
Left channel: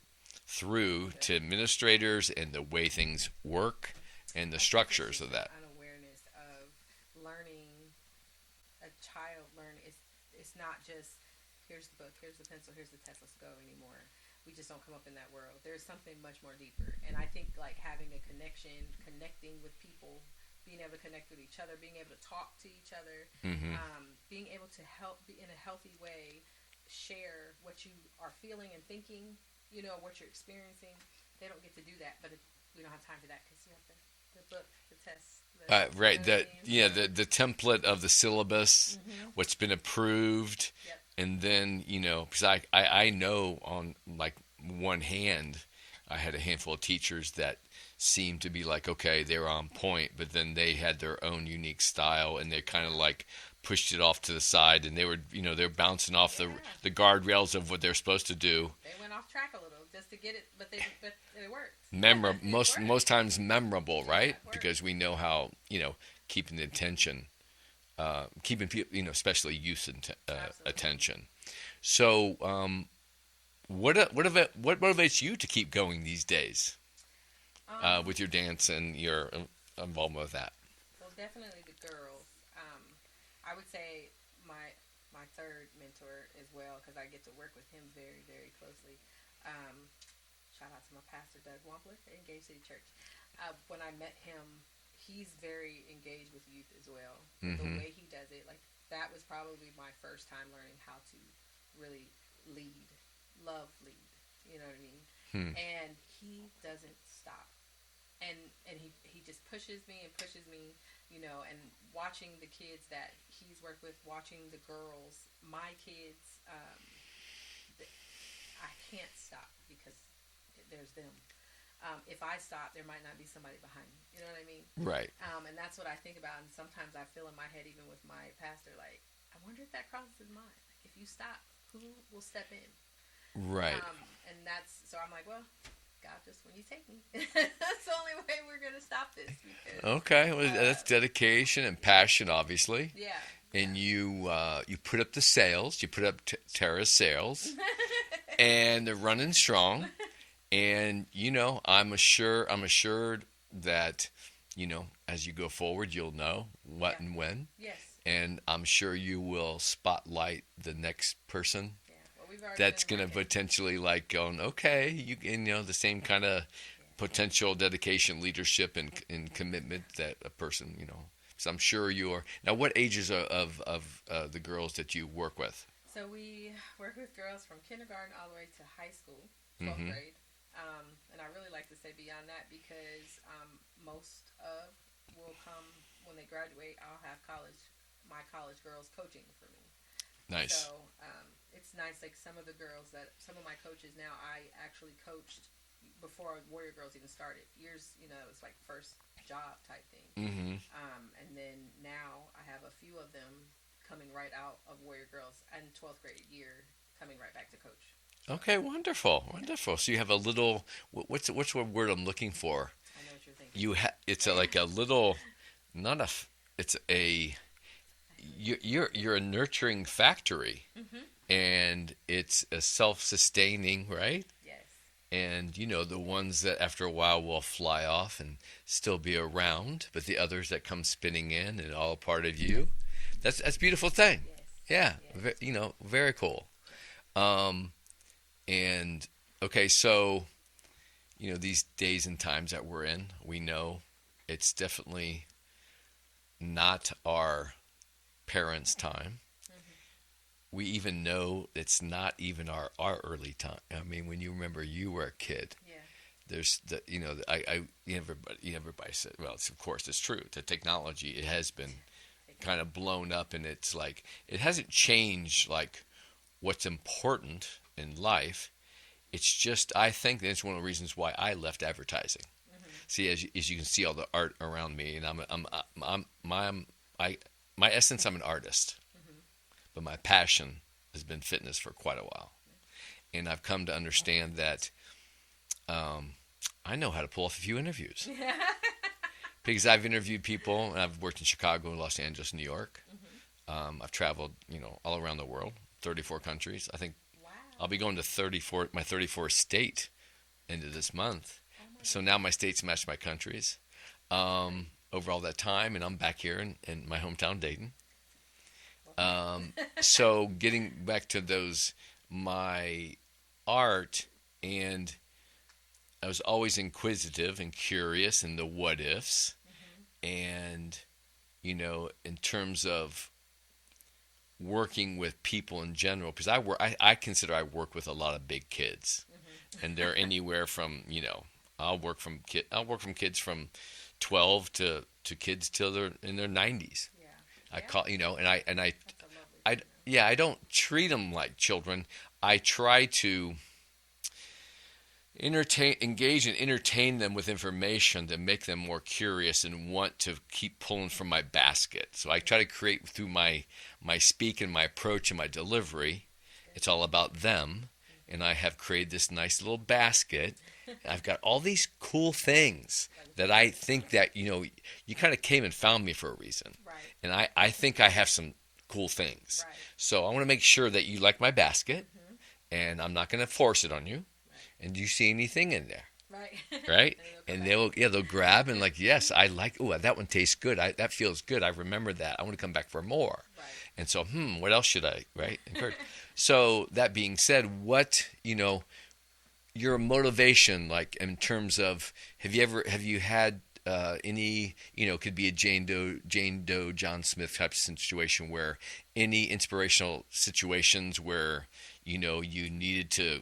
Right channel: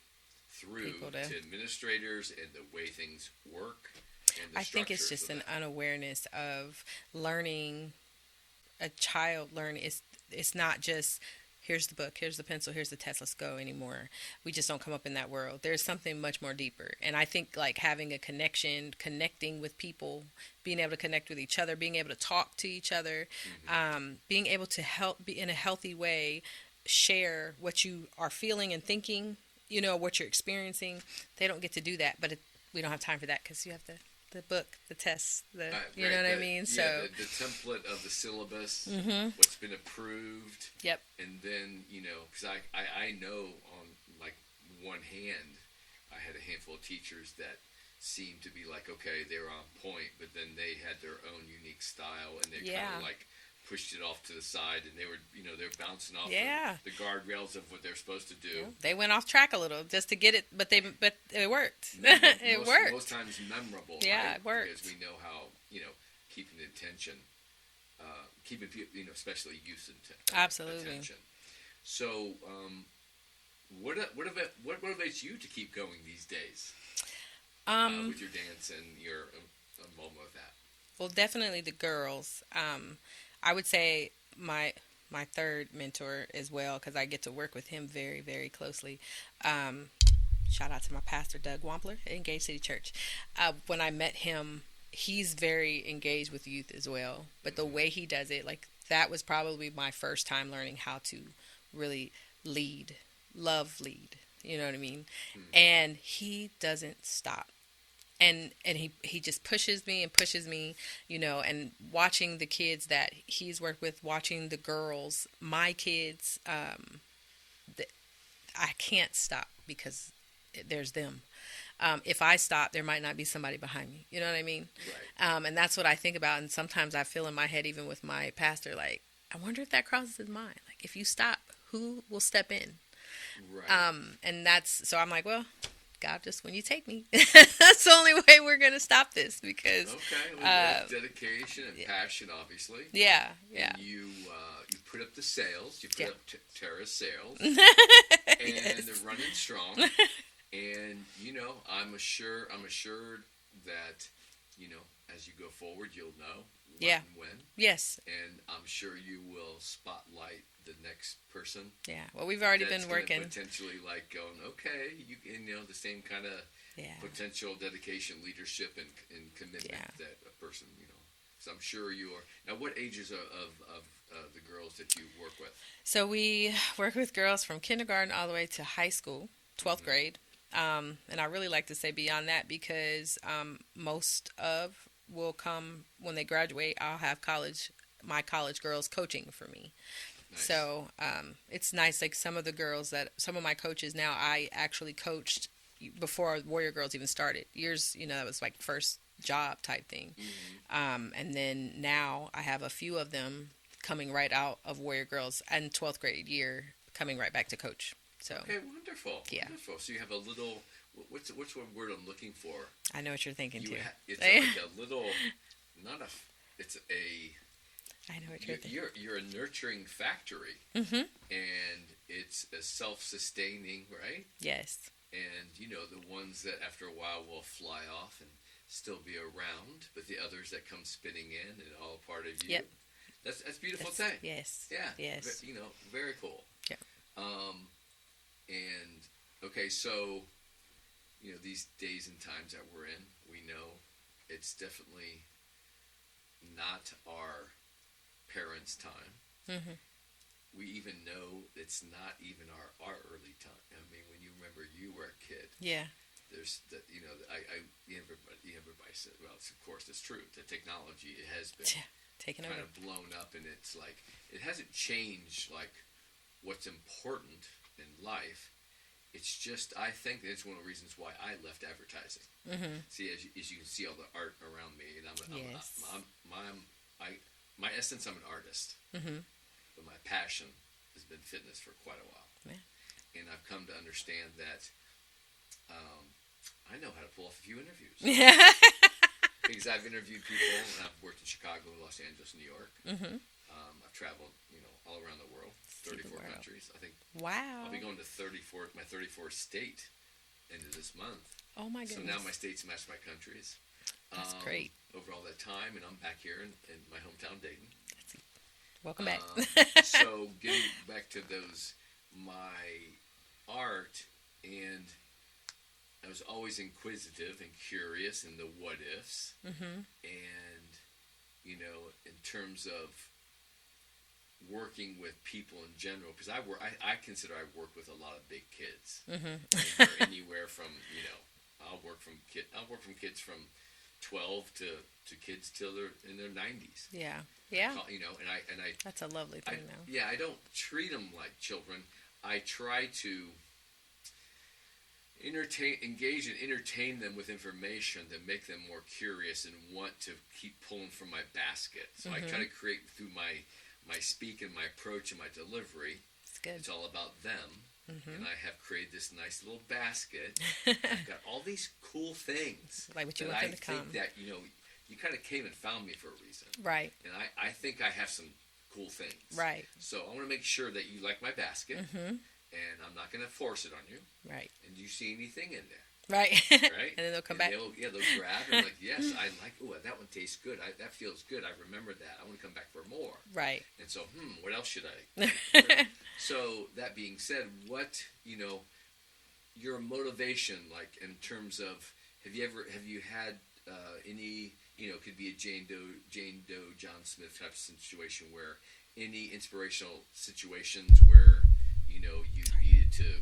through People to administrators and the way things work and the I think structures it's just of that. an unawareness of learning. A child learning it's not just here's the book, here's the pencil, here's the test, let's go anymore. We just don't come up in that world. There's something much more deeper. And I think like having a connection, connecting with people, being able to connect with each other, being able to talk to each other, being able to help be in a healthy way, share what you are feeling and thinking, what you're experiencing. They don't get to do that, but we don't have time for that because you have the book, the tests, Right. you know what I mean? Yeah, So, the template of the syllabus, what's been approved, yep. and then because I know on like one hand, I had a handful of teachers that seemed to be like okay, they were on point, but then they had their own unique style, and they kind of Yeah. like pushed it off to the side, and they were they're bouncing off Yeah. the guardrails of what they're supposed to do. They went off track a little just to get it, but it worked. Memorable, It worked. most times memorable, Yeah, right? it worked. Because we know how keeping the attention, keeping people, especially youth Absolutely. attention. So, what motivates you to keep going these days with your dance and your involvement with that? Well, definitely the girls. I would say my third mentor as well because I get to work with him very, very closely. Shout out to my pastor, Doug Wampler at Engaged City Church. When I met him, he's very engaged with youth as well. But the way he does it, like that was probably my first time learning how to really lead. You know what I mean? And he doesn't stop. And he just pushes me and pushes me, and watching the kids that he's worked with, watching the girls, my kids, I can't stop because there's them. If I stop, there might not be somebody behind me. You know what I mean? Right. And that's what I think about. And sometimes I feel in my head, even with my pastor, like, I wonder if that crosses his mind. Like, if you stop, who will step in? Right. And so I'm like, well, God, just when you take me, that's the only way we're going to stop this because. Okay. Well, that's dedication and passion, obviously. Yeah. And you put up the sails. You put up Tara's sails, and they're running strong. And I'm assured that as you go forward, you'll know what and when. Yes. And I'm sure you will spotlight the next person. Yeah. Well, we've already That's been going to working. potentially like going, okay, the same kind of potential dedication, leadership, and commitment that a person, So I'm sure you are. Now, what ages of the girls that you work with? So we work with girls from kindergarten all the way to high school, 12th grade. And I really like to say beyond that because most of will come when they graduate. I'll have my college girls coaching for me. Nice. So it's nice. Like some of my coaches now, I actually coached before Warrior Girls even started. Years, that was like first job type thing. And then now I have a few of them coming right out of Warrior Girls and 12th grade year coming right back to coach. So, Okay, wonderful, yeah. wonderful. So you have a little, what's the word I'm looking for? I know what you're thinking. It's like a little, not a, it's a, I know what you're a nurturing factory, and it's a self-sustaining, right? Yes. And the ones that after a while will fly off and still be around, but the others that come spinning in and all a part of you. Yep. That's a beautiful thing. Yes. Yeah. Yes. Very cool. Yep. And okay, so these days and times that we're in, we know it's definitely not our parents' time. We even know it's not even our early time. I mean, when you remember you were a kid, Yeah. there's everybody said, well, of course it's true. The technology, it has been kind of blown up, and it's like it hasn't changed like what's important in life. It's just, I think that's one of the reasons why I left advertising. See, as you can see all the art around me, and my essence, I'm an artist, but my passion has been fitness for quite a while. And I've come to understand that I know how to pull off a few interviews. Because I've interviewed people, and I've worked in Chicago, Los Angeles, New York. I've traveled, all around the world, 34 countries. I think Wow. I'll be going to my 34th state into this month. Oh my goodness. So now my states match my countries. That's great. Over all that time, and I'm back here in my hometown, Dayton. Welcome back. So getting back to my art, and I was always inquisitive and curious in the what ifs, and in terms of working with people in general, because I consider I work with a lot of big kids, and they're anywhere from I'll work from kids from 12 to kids till they're in their 90s. Yeah. I call, and I That's a lovely thing. I don't treat them like children. I try to engage and entertain them with information to make them more curious and want to keep pulling from my basket. So I try to create through my speak and my approach and my delivery. It's all about them. And I have created this nice little basket. I've got all these cool things that I think that, you kind of came and found me for a reason. Right. And I think I have some cool things. Right. So I want to make sure that you like my basket, and I'm not going to force it on you. Right. And do you see anything in there? Right. Right. And then they'll come back. They'll grab and like, yes, I like. Oh, that one tastes good. That feels good. I remember that. I want to come back for more. Right. And so, what else should I? Right. So that being said, what your motivation, like in terms of, have you had any, could be a Jane Doe, John Smith type of situation, where any inspirational situations where you needed to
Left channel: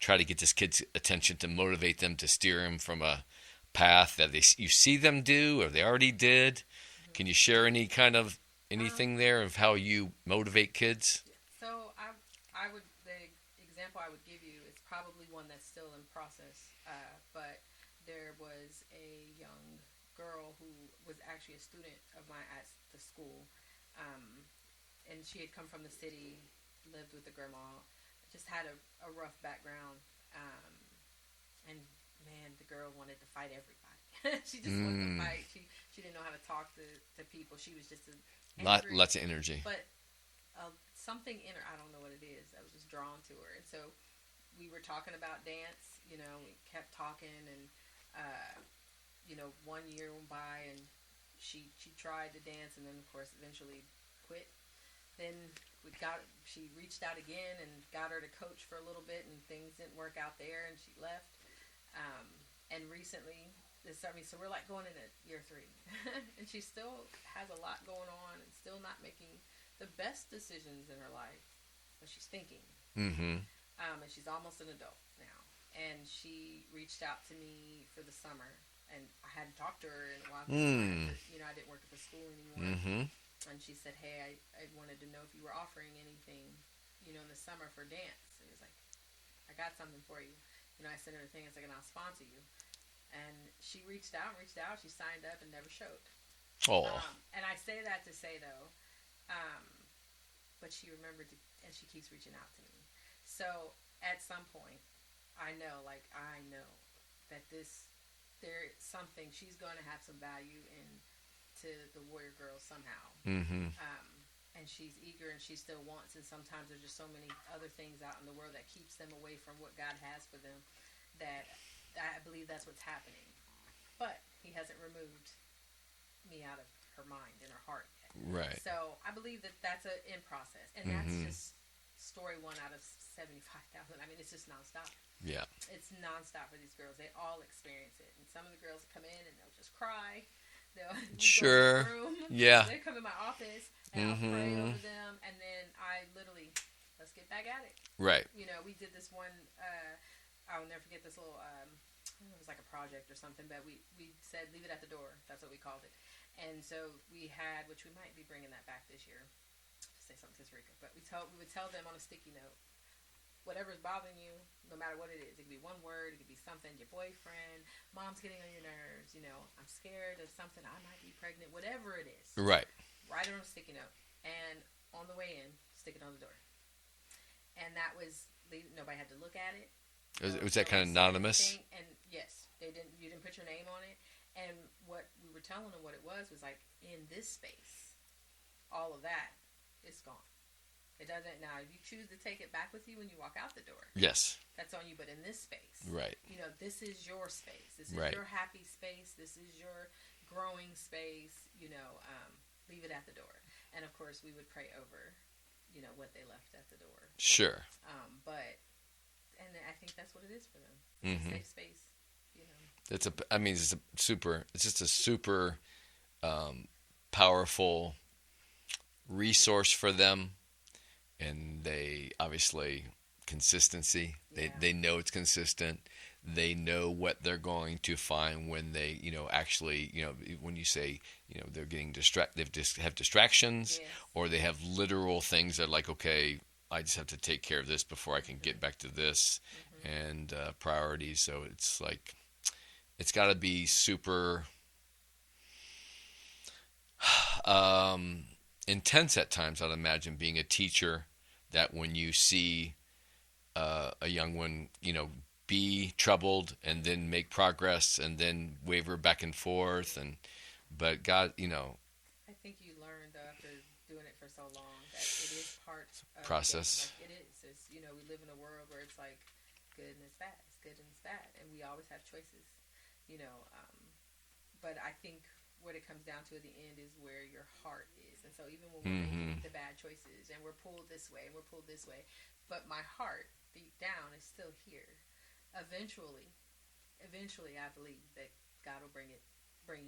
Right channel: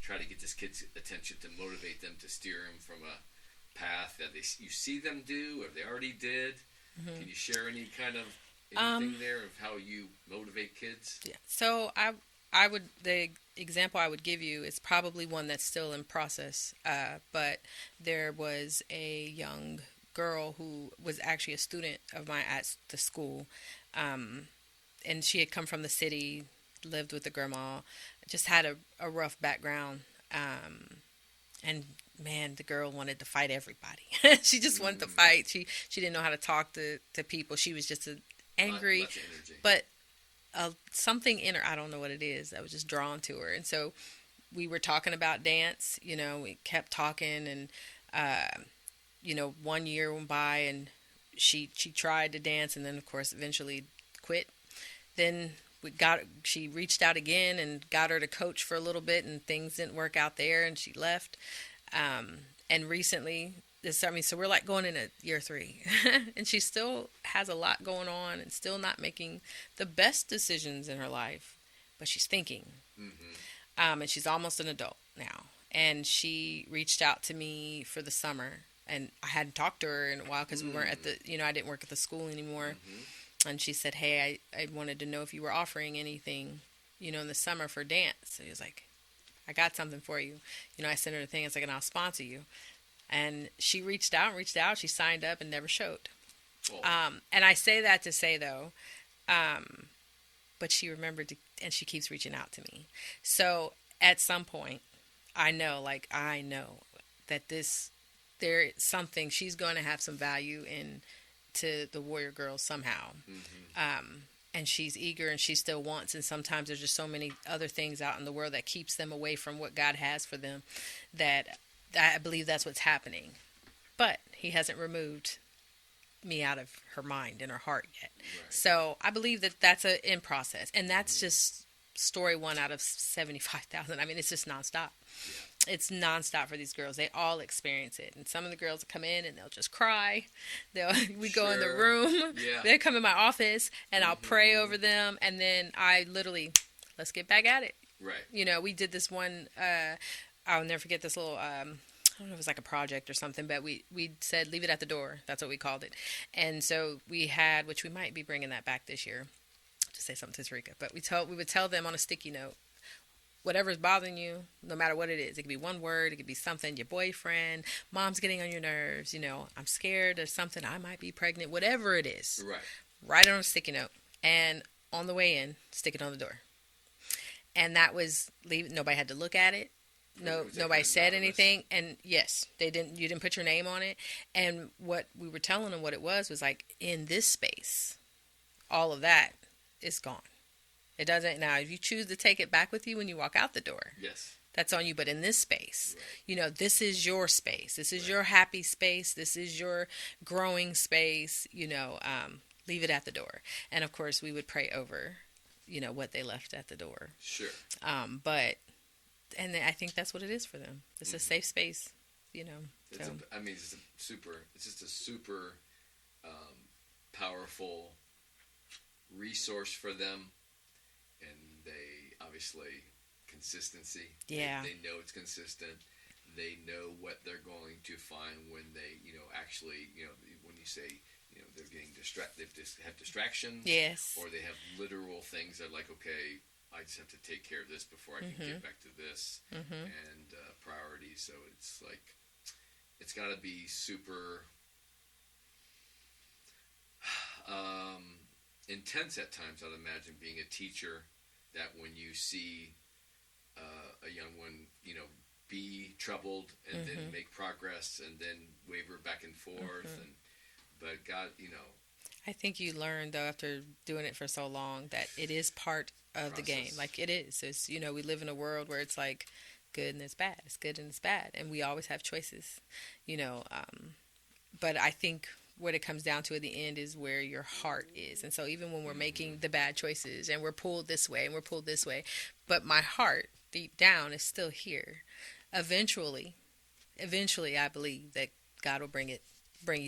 try to get this kid's attention to motivate them, to steer them from a path that you see them do or they already did. Can you share any kind of anything there of how you motivate kids? Yeah. So the example I would give you is probably one that's still in process. But there was a young girl who was actually a student of mine at the school, and she had come from the city, lived with the grandma, just had a rough background, and man, the girl wanted to fight everybody. She just wanted to fight. She didn't know how to talk to people. She was just angry. Lots of energy. But something in her, I don't know what it is, that was just drawn to her. And so we were talking about dance. We kept talking, and 1 year went by, and she tried to dance, and then of course eventually quit. Then she reached out again and got her to coach for a little bit, and things didn't work out there, and she left. And recently, so we're like going into year 3, and she still has a lot going on and still not making the best decisions in her life, but she's thinking. And she's almost an adult now. and she reached out to me for the summer. And I hadn't talked to her in a while because we weren't at the, I didn't work at the school anymore. Mm-hmm. And she said, hey, I wanted to know if you were offering anything, in the summer for dance. So he was like, I got something for you. I sent her the thing. It's like, and I'll sponsor you. And she reached out. She signed up and never showed. Oh. And I say that to say, though, but she remembered and she keeps reaching out to me. So at some point, I know that there is something, she's going to have some value in to the Warrior Girls somehow. Mm-hmm. And she's eager and she still wants. And sometimes there's just so many other things out in the world that keeps them away from what God has for them, that I believe that's what's happening. But he hasn't removed me out of her mind and her heart yet. Right. So I believe that that's in process. And that's just story 1 out of 75,000. I mean, it's just nonstop. Yeah. It's nonstop for these girls. They all experience it. And some of the girls come in and they'll just cry. We go in the room. Yeah. They come in my office and I'll pray over them. And then I literally, let's get back at it. Right. We did this one, I'll never forget this little, I don't know if it was like a project or something, but we said, leave it at the door. That's what we called it. And so we had, which we might be bringing that back this year, to say something to Tarika, but we would tell them on a sticky note, whatever's bothering you, no matter what it is. It could be one word. It could be something, your boyfriend, mom's getting on your nerves, I'm scared or something, I might be pregnant, whatever it is. Right. Write it on a sticky note. And on the way in, stick it on the door. And that was, nobody had to look at it. No, was that nobody kind of said anonymous? anything. And yes, you didn't put your name on it. And what we were telling them what it was like, in this space, all of that is gone. It doesn't. Now, if you choose to take it back with you when you walk out the door, yes, that's on you. But in this space, right. This is your space. This is right. your happy space. This is your growing space. Leave it at the door. And of course, we would pray over, what they left at the door. Sure. And I think that's what it is for them. It's a safe space. It's just a super powerful resource for them. And they obviously, consistency. Yeah. They know it's consistent. They know what they're going to find when they, actually, when you say, they're getting they just have distractions. Yes. Or they have literal things that are like, okay, I just have to take care of this before I can get back to this, and priorities. So it's like, it's got to be super intense at times, I'd imagine, being a teacher, that when you see a young one, be troubled and then make progress and then waver back and forth, but God, I think you learn, though, after doing it for so long, that it is part of the game. Like, it is. It's, we live in a world where it's like good and it's bad. It's good and it's bad. And we always have choices, but I think what it comes down to at the end is where your heart is. And so even when we're making the bad choices and we're pulled this way and we're pulled this way, but my heart deep down is still here. Eventually, I believe that God will bring you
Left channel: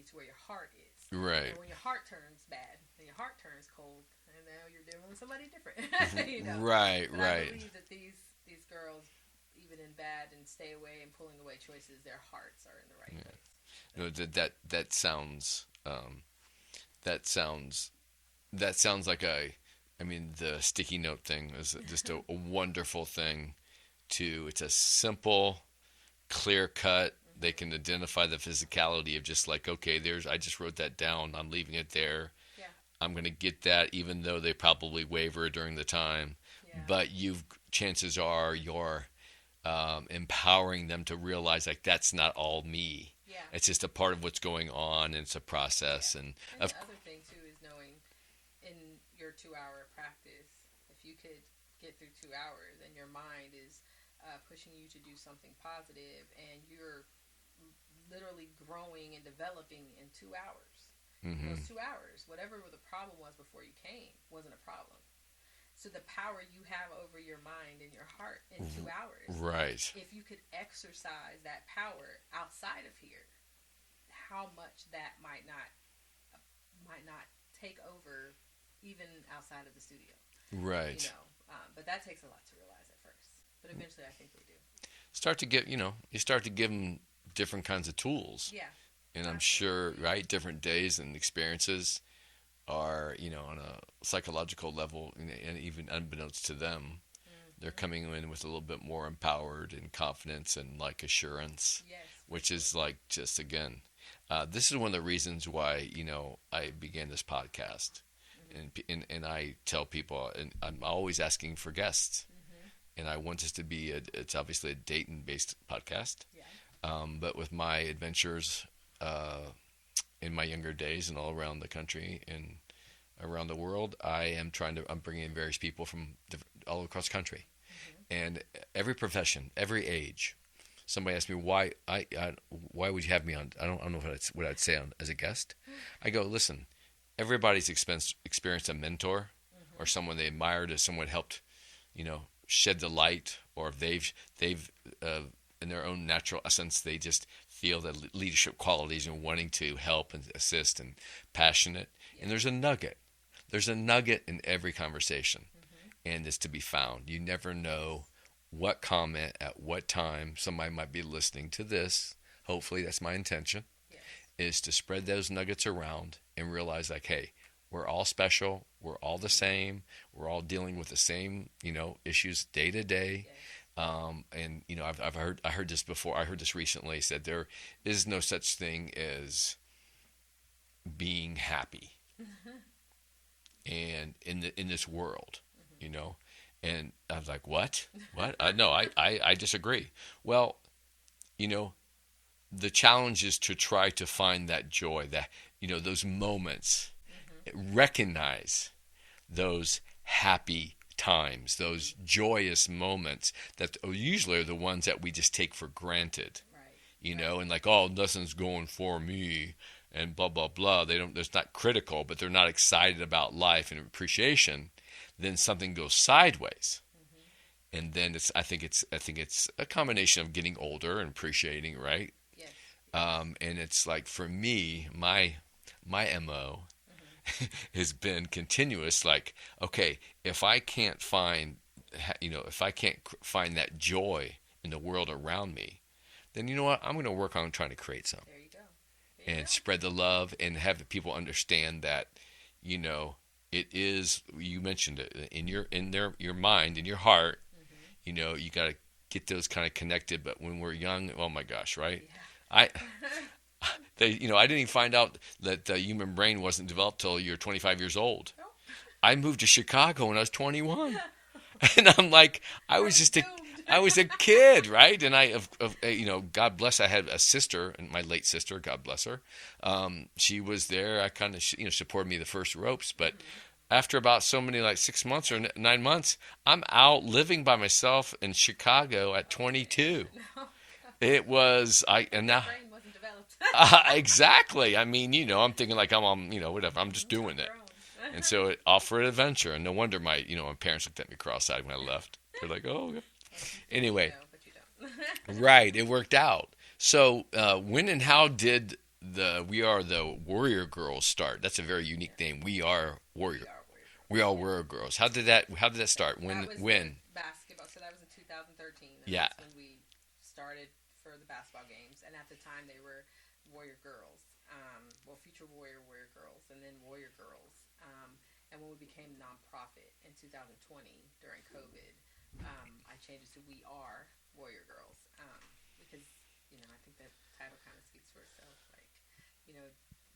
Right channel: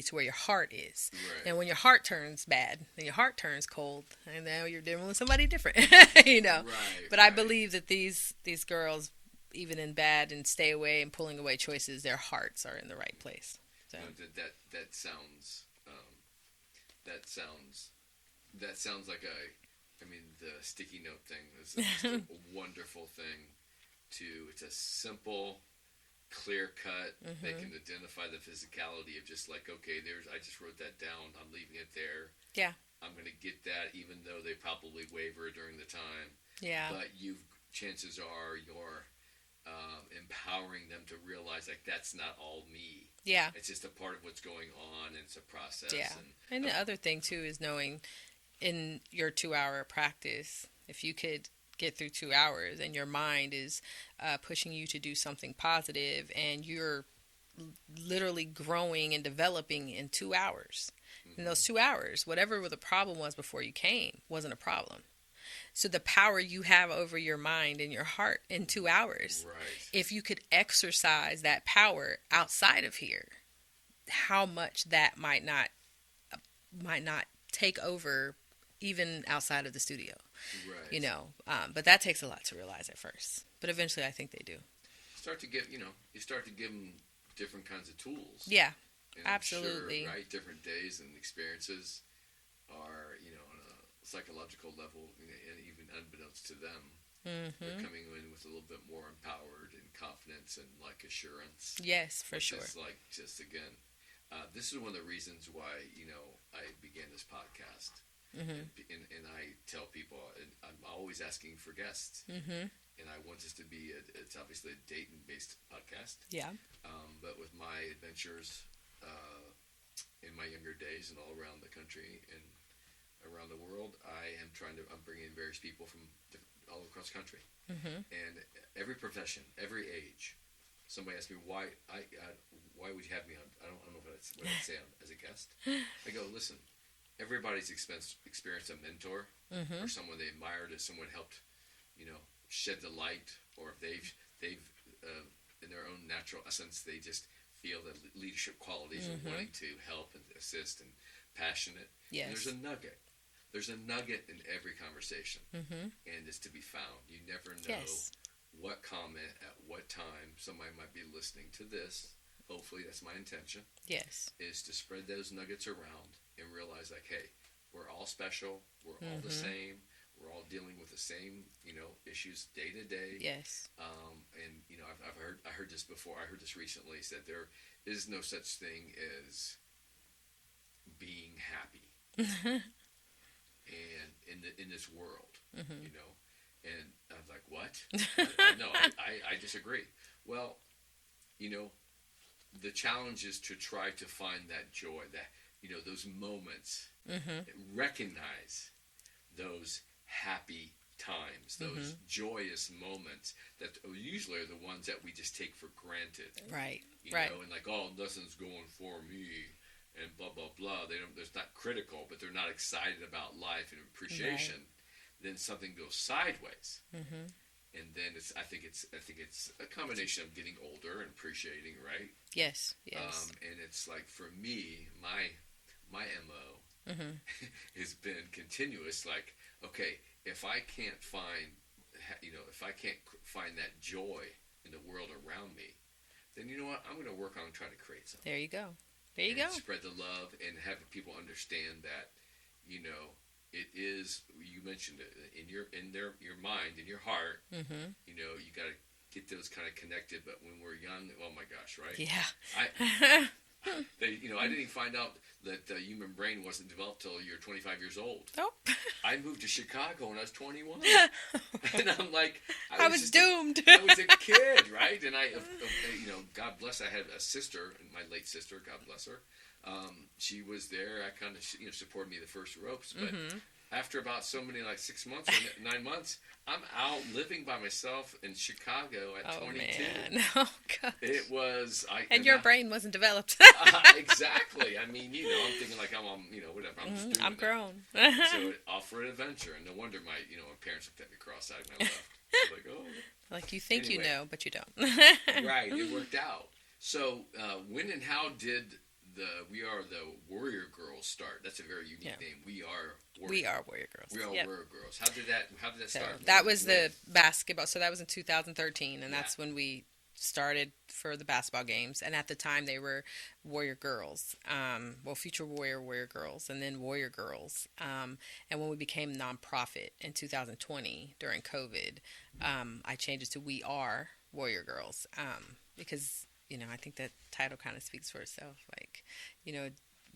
to where your heart is. Right. And when your heart turns bad and your heart turns cold, and now you're dealing with somebody different, Right. But I believe that these girls, even in bad and stay away and pulling away choices, their hearts are in the right place. So. That sounds like the sticky note thing is just a wonderful thing. It's a simple, clear cut. They can identify the physicality of just like, okay, I just wrote that down. I'm leaving it there. Yeah. I'm going to get that, even though they probably waver during the time. Yeah. But chances are you're empowering them to realize, like, that's not all me. Yeah. It's just a part of what's going on, and it's a process. Yeah. And the other thing too is knowing, in your 2-hour practice, if you could get through 2 hours and your mind is pushing you to do something positive, and you're literally growing and developing in 2 hours. In those 2 hours, whatever the problem was before you came wasn't a problem. So the power you have over your mind and your heart in 2 hours, right? If you could exercise that power outside of here, how much that might not take over even outside of the studio. Right. But that takes a lot to realize at first. But eventually I think they do. start to give, you start to give them different kinds of tools. Yeah, And I'm sure, absolutely. right, different days and experiences are, on a psychological level, and even unbeknownst to them, they're Hmm. coming in with a little bit more empowered and confidence and like assurance, Yes, for which sure. is like just again, this is one of the reasons why I began this podcast, Hmm. and I tell people, and I'm always asking for guests, Hmm. and I want this to be it's obviously a Dayton based podcast, Yeah. but with my adventures in my younger days and all around the country and around the world, I'm bringing in various people from all across the country, Hmm. and every profession, every age. Somebody asked me why would you have me on? I don't know what I'd say as a guest. I go, listen, everybody's experienced a mentor or Hmm. someone they admired, or someone helped, you know, shed the light, or if they've in their own natural essence, they just feel the leadership qualities and Hmm. wanting to help and assist and passionate. And there's a Yes. nugget. There's a nugget in every conversation, Hmm. and it's to be found. You never know Yes. what comment at what time somebody might be listening to this. Hopefully, that's my intention, Yes. is to spread those nuggets around and realize, like, hey, we're all special. We're all the Hmm. same. We're all dealing with the same, issues day to day. Yes. And I heard this before. I heard this recently. Said there is no such thing as being happy, and in this world, Hmm. you know. And I was like, what? What? No, I disagree. Well, you know, the challenge is to try to find that joy, that those moments, Hmm. recognize those happy times, those Hmm. joyous moments that usually are the ones that we just take for granted, Right. Right. and like, oh, nothing's going for me, and blah blah blah. They don't. It's not critical, but they're not excited about life and Right. appreciation. Then something goes sideways, Hmm. and then I think it's a combination of getting older and appreciating, right? Yes. Yes. And it's like, for me, my mo Hmm. has been continuous. Like, okay, if I can't find, if I can't find that joy in the world around me, then you know what? I'm going to work on trying to create some There you go. There you and go. spread the love and have people understand that, you know, it is. You mentioned it in your mind, in your heart. Hmm. You got to get those kind of connected. But when we're young, oh my gosh, right? I Yeah. I didn't even find out that the human brain wasn't developed till you're 25 years old. Oh. I moved to Chicago when I was 21, and I'm like, I was doomed. I was a kid, right? And God bless, I had a sister, and my late sister, God bless her. She was there. I kind of, supported me the first ropes, but Hmm. after about so many, like 6 months or 9 months, I'm out living by myself in Chicago at Oh 22. man. Oh It gosh. was And and your now brain wasn't developed. exactly. I mean, I'm thinking like I'm on, whatever. I'm just Hmm. doing I've it. grown. And so it offered adventure, and no wonder my parents looked at me cross-eyed when I left. They're like, "Oh, okay." Like you think you Anyway, know, but you don't. right? It worked out. So, when and how did the We Are the Warrior Girls start? That's a very Yeah. unique name. We Are Warrior. We are warrior girls. We Are Yep. Warrior Girls. How did that So start? that was When? the basketball. So that was in 2013, and Yeah. that's when we started for the basketball games. And at the time, they were Warrior Girls. Well, Future Warrior Girls, and then Warrior Girls. And when we became nonprofit in 2020 during COVID, I changed it to We Are Warrior Girls, because I think that title kind of speaks for itself. Like, you know,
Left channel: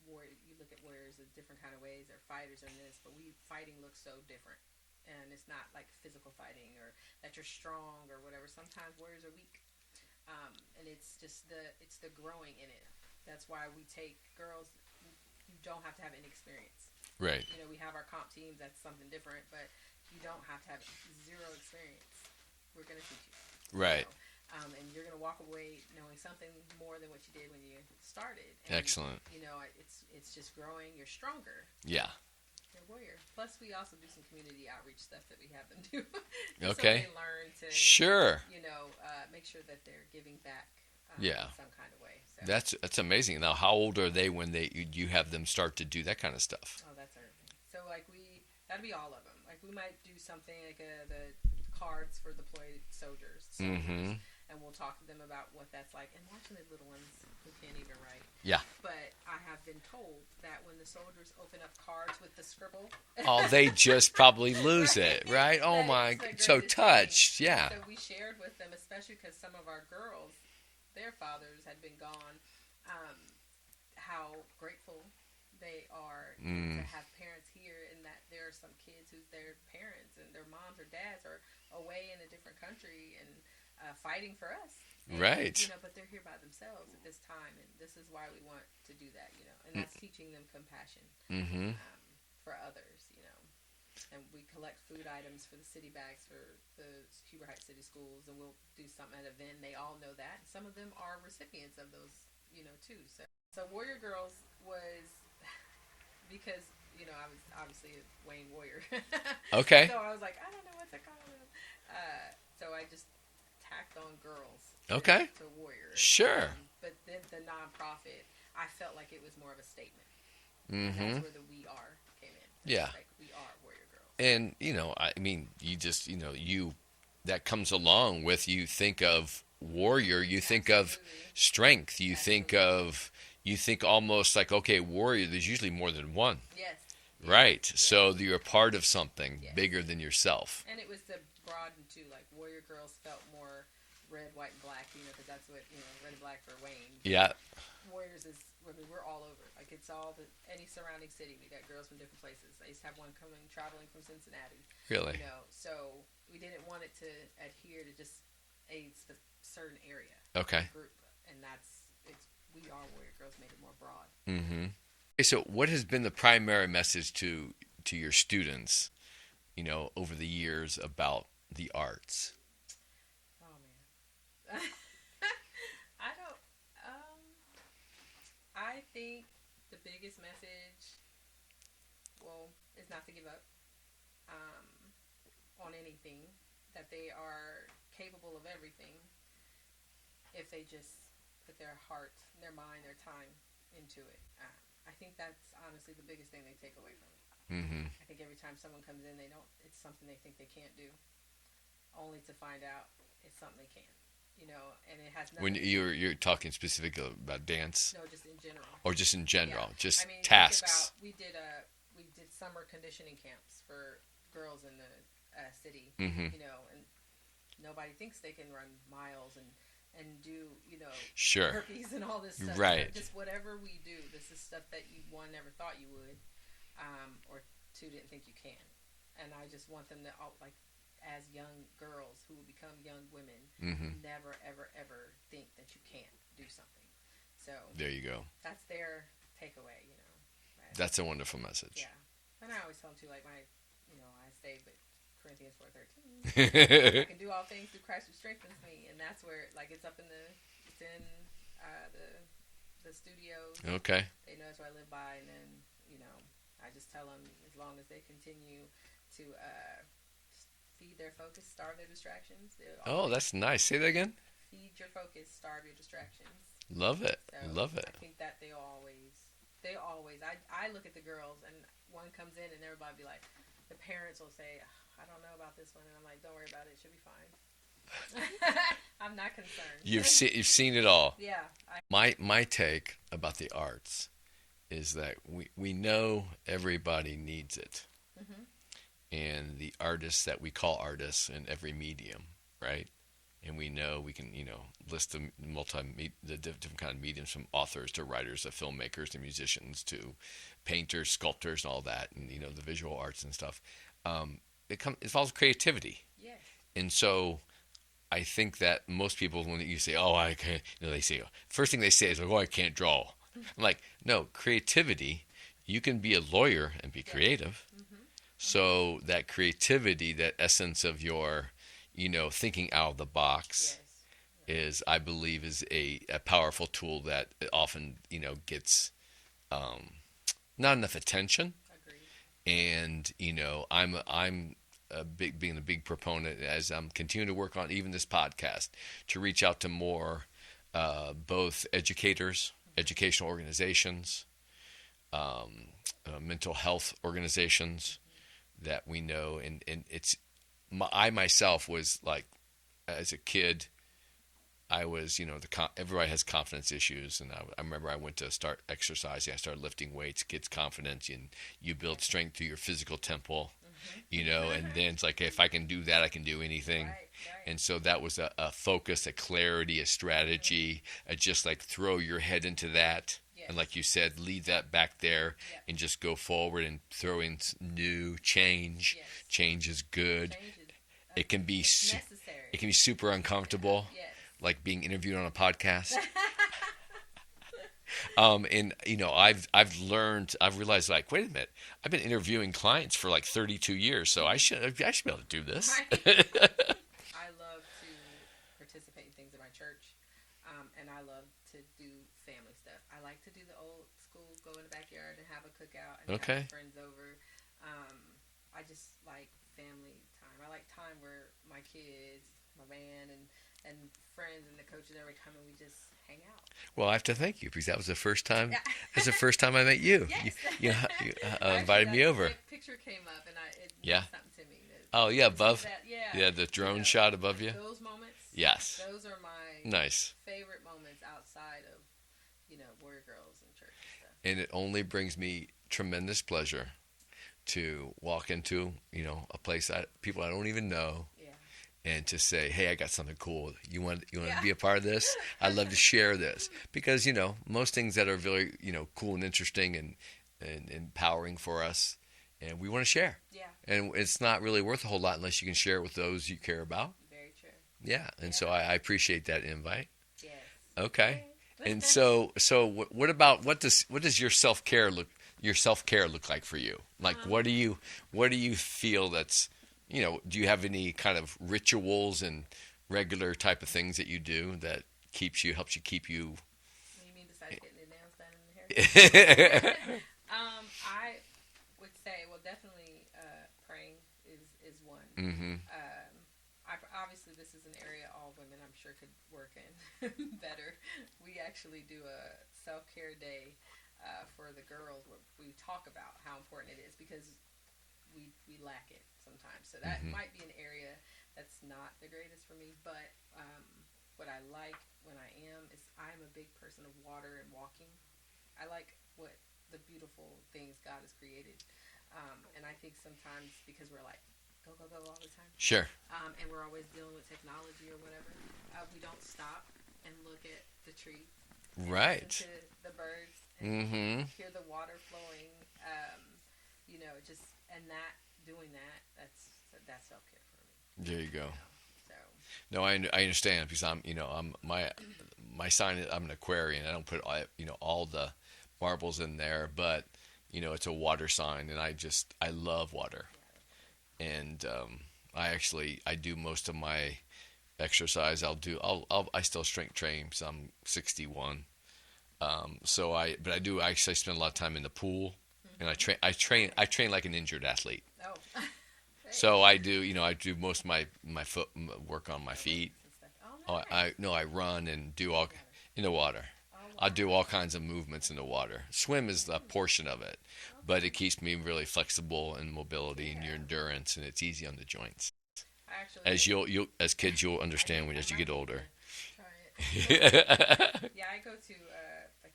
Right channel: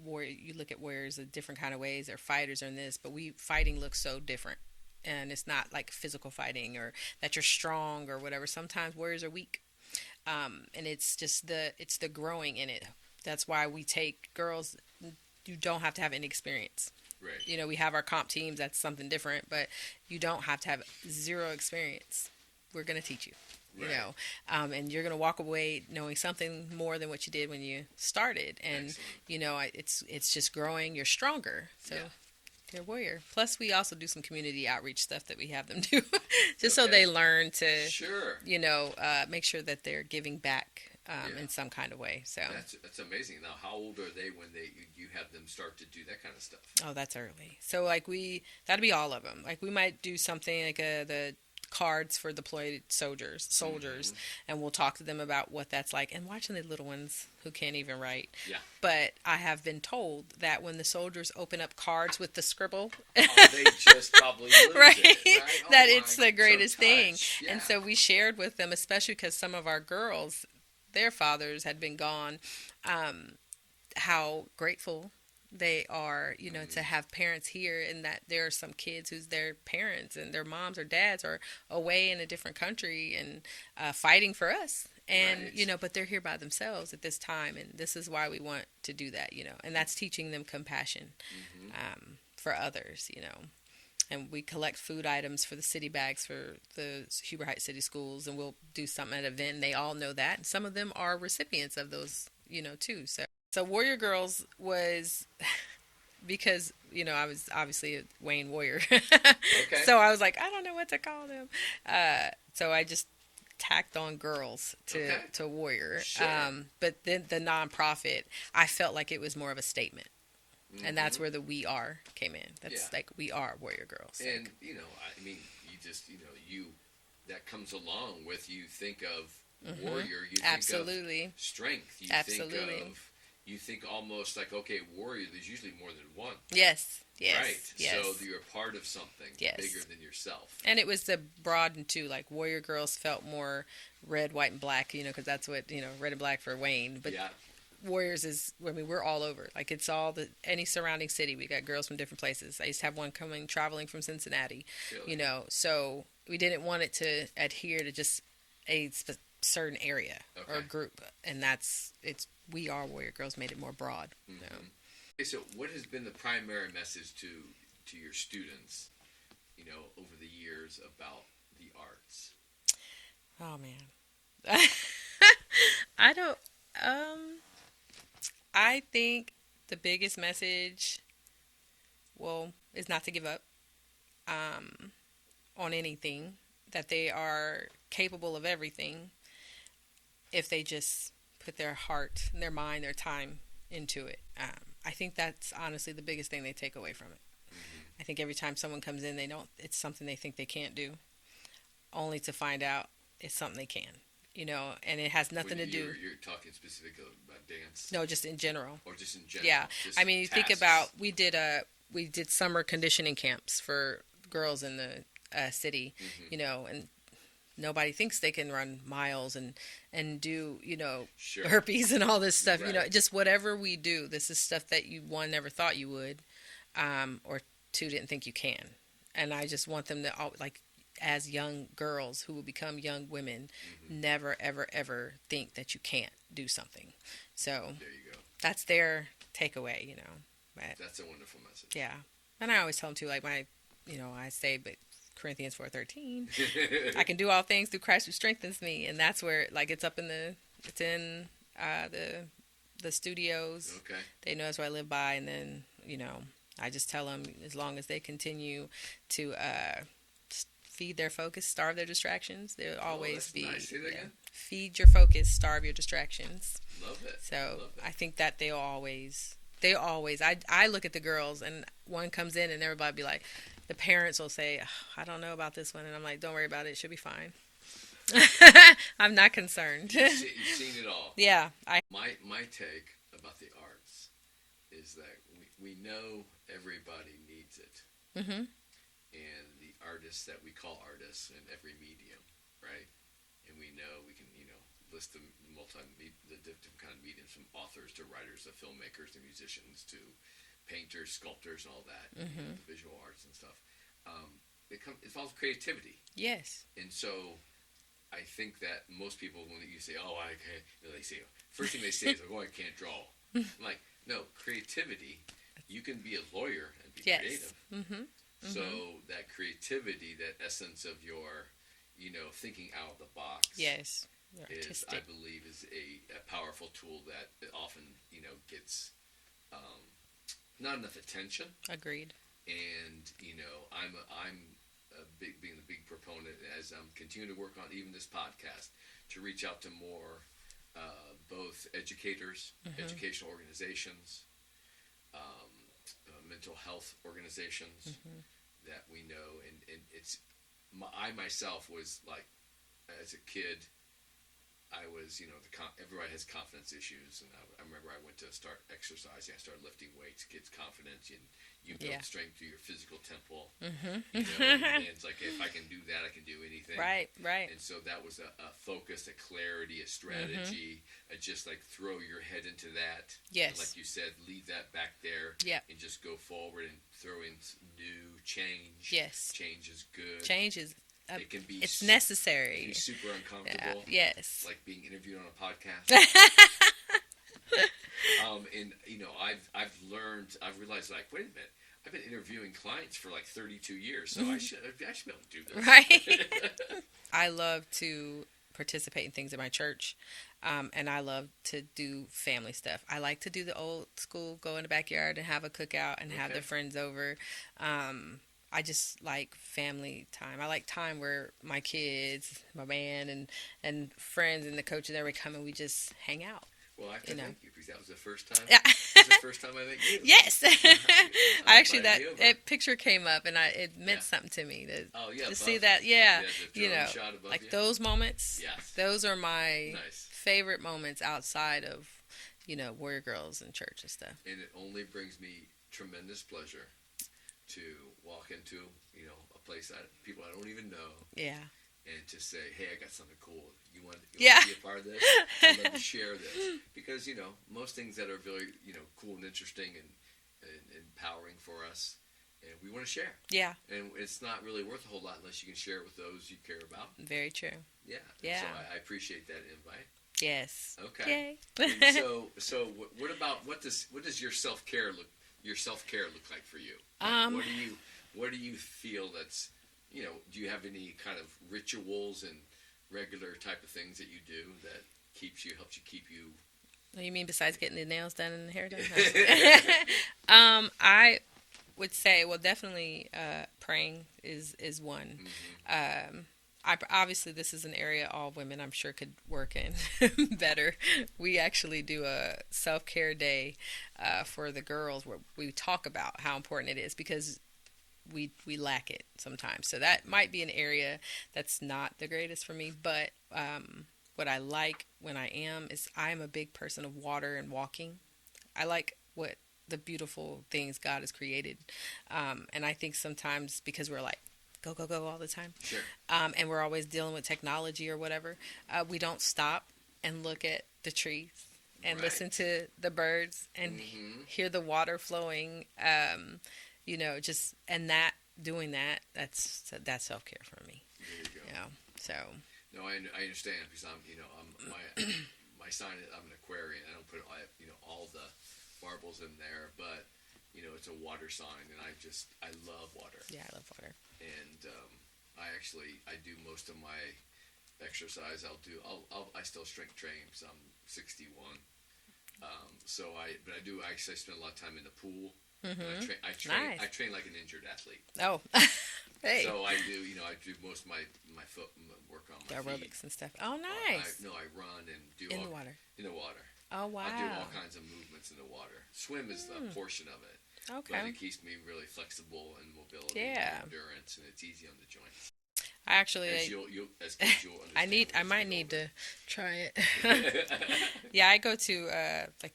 you look at warriors a different kind of ways. They're fighters or in this, but fighting looks so different. And it's not like physical fighting or that you're strong or whatever. Sometimes warriors are weak, and it's the growing in it. That's why we take girls. You don't have to have any experience. Right. We have our comp teams. That's something different, but you don't have to have zero experience. We're gonna teach you. Right. And you're gonna walk away knowing something more than what you did when you started. And Excellent. it's just growing. You're stronger. So Yeah. you're a warrior. Plus, we also do some community outreach stuff that we have them do, just so Okay. they learn to, Sure. make sure that they're giving back Yeah. in some kind of way. So That's amazing. Now, how old are they when you have them start to do that kind of stuff? oh, that's early. So like that'd be all of them. Like we might do something like the cards for deployed soldiers, and we'll talk to them about what that's like. And watching the little ones who can't even write. Yeah. But I have been told that when the soldiers open up cards with the scribble, oh, they just probably lose right? it, right? Oh that my, it's the greatest so thing. touched. Yeah. And so we shared with them, especially because some of our girls, their fathers had been gone, how grateful they are, to have parents here, and that there are some kids whose their parents and their moms or dads are away in a different country and fighting for us. And, right. But they're here by themselves at this time, and this is why we want to do that, and that's teaching them compassion for others, And we collect food items for the city bags for the Huber Heights City Schools, and we'll do something at an event. And they all know that, and some of them are recipients of those, too. So Warrior Girls was because, I was obviously a Wayne Warrior. Okay. So I was like, I don't know what to call them. So I just tacked on girls to Warrior. Sure. But then the nonprofit, I felt like it was more of a statement. And that's where the "we are" came in. That's like, we are Warrior Girls. And, I mean, you just, that comes along with, you think of warrior, you think Absolutely. of strength, you Absolutely. think almost like, okay, warrior, there's usually more than one. Yes. Right. Yes. So you're part of something Yes. bigger than yourself. And it was the broadened too. Like, Warrior Girls felt more red, white, and black, because that's what, red and black for Wayne. But yeah. Warriors is, we're all over. Like, it's all any surrounding city. We got girls from different places. I used to have one traveling from Cincinnati. Really? So we didn't want it to adhere to just a certain area or group. And we are Warrior Girls made it more broad. Mm-hmm. Okay, so what has been the primary message to your students, over the years about the arts? Oh, man. I don't, I think the biggest message, is not to give up on anything, that they are capable of everything if they just put their heart, their mind, their time into it. I think that's honestly the biggest thing they take away from it. Mm-hmm. I think every time someone comes in, it's something they think they can't do, only to find out it's something they can. And it has nothing to do. You're talking specifically about dance? No, just in general. Or just in general? Yeah. Just I mean, you tasks. think about, we did summer conditioning camps for girls in the city, and nobody thinks they can run miles and do, sure. herpes and all this stuff. Right. Just whatever we do, this is stuff that you, one, never thought you would, or two, didn't think you can. And I just want them to, as young girls who will become young women, never, ever, ever think that you can't do something. So there you go. That's their takeaway, But, that's a wonderful message. Yeah. And I always tell them too, like, I say, but Corinthians 4:13, I can do all things through Christ who strengthens me. And that's where, like, it's in the studios. Okay. They know that's what I live by. And then, I just tell them, as long as they continue to feed their focus, starve their distractions. Oh, that's nice. Say that again. Feed your focus, starve your distractions. Love it. So love it. I think that they always. I look at the girls, and one comes in, and everybody be like, the parents will say, oh, I don't know about this one, and I'm like, don't worry about it. It should be fine. I'm not concerned. You've seen it all. Yeah. My take about the arts is that we know everybody needs it. Mm-hmm. And the artists that we call artists in every medium, right? And we know we can, list the different kind of mediums, from authors to writers to filmmakers to musicians to painters, sculptors, and all that, and the visual arts and stuff. It involves creativity. Yes. And so I think that most people, when you say, "Oh, I can't," they say, first thing they say is, "Oh, I can't draw." I'm like, no, creativity. You can be a lawyer and be creative. Mm-hmm. So that creativity, that essence of your, thinking out of the box, yes, is, I believe, is a powerful tool that often, gets not enough attention. Agreed. And I'm being a big proponent, as I'm continuing to work on even this podcast, to reach out to more both educators, educational organizations, mental health organizations that we know, and it's I myself was like, as a kid, I was, everybody has confidence issues, and I remember I went to start exercising. I started lifting weights, gets confidence, and you build strength through your physical temple, and then it's like, if I can do that, I can do anything. Right. And so that was a focus, a clarity, a strategy, a just like throw your head into that. Yes. And like you said, leave that back there and just go forward and throw in new change. Yes. Change is good. Change is It can be it's necessary. It can be super uncomfortable. Yes. Like being interviewed on a podcast. And I've realized, like, wait a minute, I've been interviewing clients for like 32 years, so I should be able to do this. Right. I love to participate in things in my church. And I love to do family stuff. I like to do the old school, go in the backyard and have a cookout and have the friends over. I just like family time. I like time where my kids, my man, and friends and the coach and everybody come and we just hang out. Well, I have to thank you, because that was the first time. That's the first time I met you. Yes. You invited me over. That picture came up and it meant something to me. To above. see that, yeah, the drone shot above like you. Those moments. Yes. Those are my nice favorite moments outside of, Warrior Girls and church and stuff. And it only brings me tremendous pleasure to walk into, a place people I don't even know. Yeah. And to say, hey, I got something cool. You want to be a part of this? I'd love to share this. Because, most things that are really, cool and interesting and empowering for us, and we want to share. Yeah. And it's not really worth a whole lot unless you can share it with those you care about. Very true. Yeah. And so I appreciate that invite. Yes. Okay. And so what does your self-care look like for you? Like, what do you feel that's, do you have any kind of rituals and regular type of things that you do that helps you keep you? What do you mean besides getting the nails done and the hair done? I would say, well, definitely praying is one. Mm-hmm. Obviously, this is an area all women, I'm sure, could work in better. We actually do a self-care day for the girls where we talk about how important it is, because we lack it sometimes. So that might be an area that's not the greatest for me. But what I like when I'm a big person of water and walking. I like what the beautiful things God has created. And I think sometimes because we're like, go, go, go all the time. Sure. And we're always dealing with technology or whatever. We don't stop and look at the trees and listen to the birds and hear the water flowing. Doing that's self-care for me. There you go. So. No, I understand, because I'm my sign is I'm an Aquarian. I don't put all the marbles in there, but it's a water sign, and I love water. Yeah, I love water. And I do most of my exercise. I still strength train because I'm 61. But I do actually spend a lot of time in the pool, and I train like an injured athlete. Oh. Hey. So I do most of my foot work on my aerobics feet and stuff. Oh, nice. I run and do in the water. Oh, wow. I do all kinds of movements in the water. Swim is a portion of it, but it keeps me really flexible in mobility and your endurance, and it's easy on the joints. I actually, as kids you'll understand when you get older. I might need to try it. Yeah, I go to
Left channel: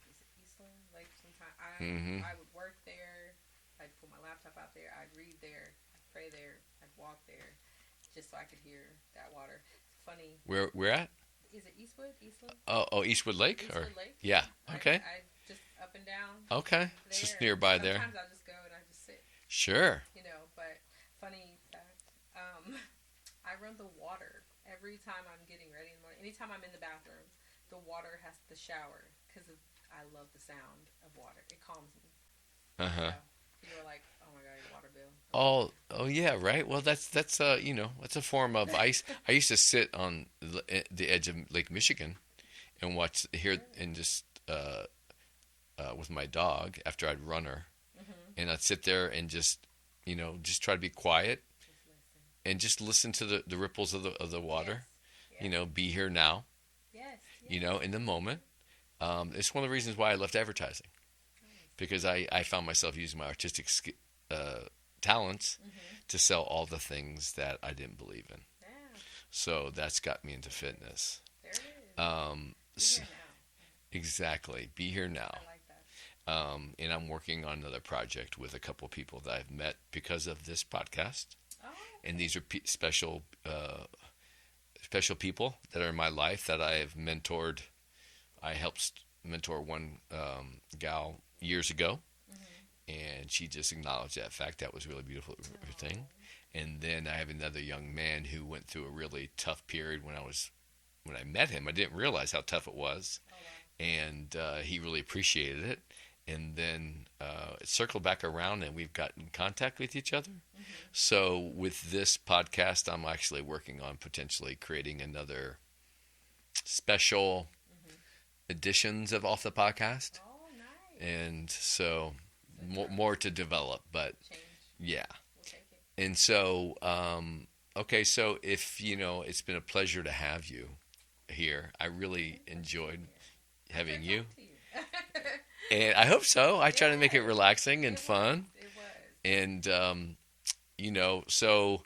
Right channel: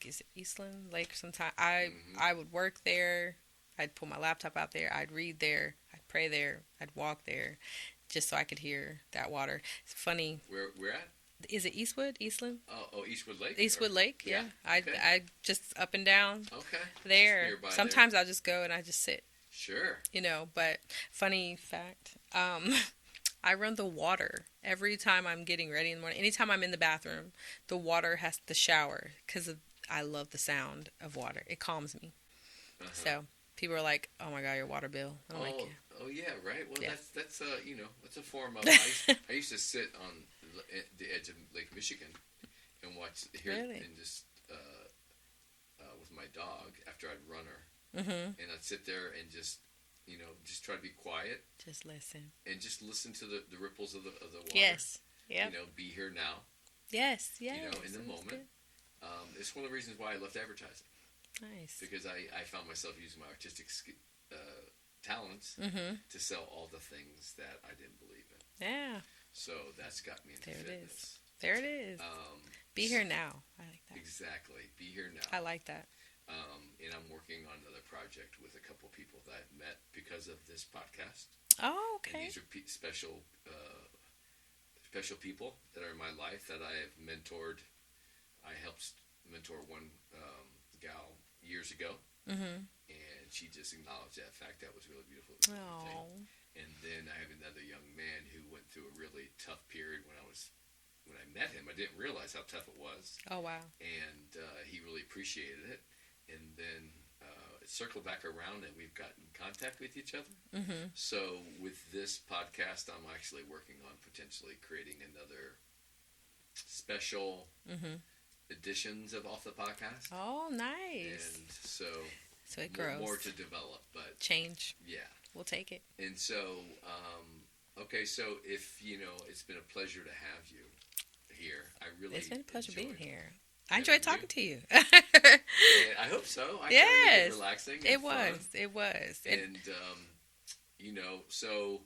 is it Eastland Lake sometimes. I would work there. I'd pull my laptop out there. I'd read there. I'd pray there. I'd walk there, just so I could hear that water. It's funny. Where at? Is it Eastland? Oh, Eastwood Lake? Eastwood Lake. Yeah. Okay. I just up and down. Okay. There. Just nearby. Sometimes I'll just go and I just sit. Sure. But funny fact, I run the water every time I'm getting ready in the morning. Anytime I'm in the bathroom, the water has to shower because I love the sound of water. It calms me. So people are like, "Oh my God, your water bill." Oh yeah, right. Well, that's that's a form of ice. I used to sit on the edge of Lake Michigan and and just with my dog after I'd run her, and I'd sit there and just try to be quiet. Just listen. And just listen to the ripples of the water. Yes. Yep. Be here now. Yes. In the moment. It's one of the reasons why I left advertising. Nice. Because I found myself using my artistic talents Mm-hmm. to sell all the things that I didn't believe in. Yeah. So that's got me into There it fitness. There it is. Be So here now. I like that. exactly. Be here now. I like that. And I'm working on another project with a couple of people that I've met because of this podcast. Oh, okay. And these are special people that are in my life that I have mentored. I helped mentor one gal years ago, Mm-hmm. and she just acknowledged that fact. That was really beautiful thing. And then I have another young man who went through a really tough period when I met him. I didn't realize how tough it was, Oh, wow. and he really appreciated it. And then it circled back around, and we've gotten in contact with each other. Mm-hmm. So with this podcast, I'm actually working on potentially creating another special Mm-hmm. editions of Off the Podcast. Oh, nice. And so, So it more grows. to develop, but Change. yeah. We'll take it. And so, okay, so if it's been a pleasure to have you here. I It's really been a pleasure being enjoyed. here. I having enjoyed talking you. to you. And I hope so. I try to make it Yes, relaxing and it fun. was. It was. And so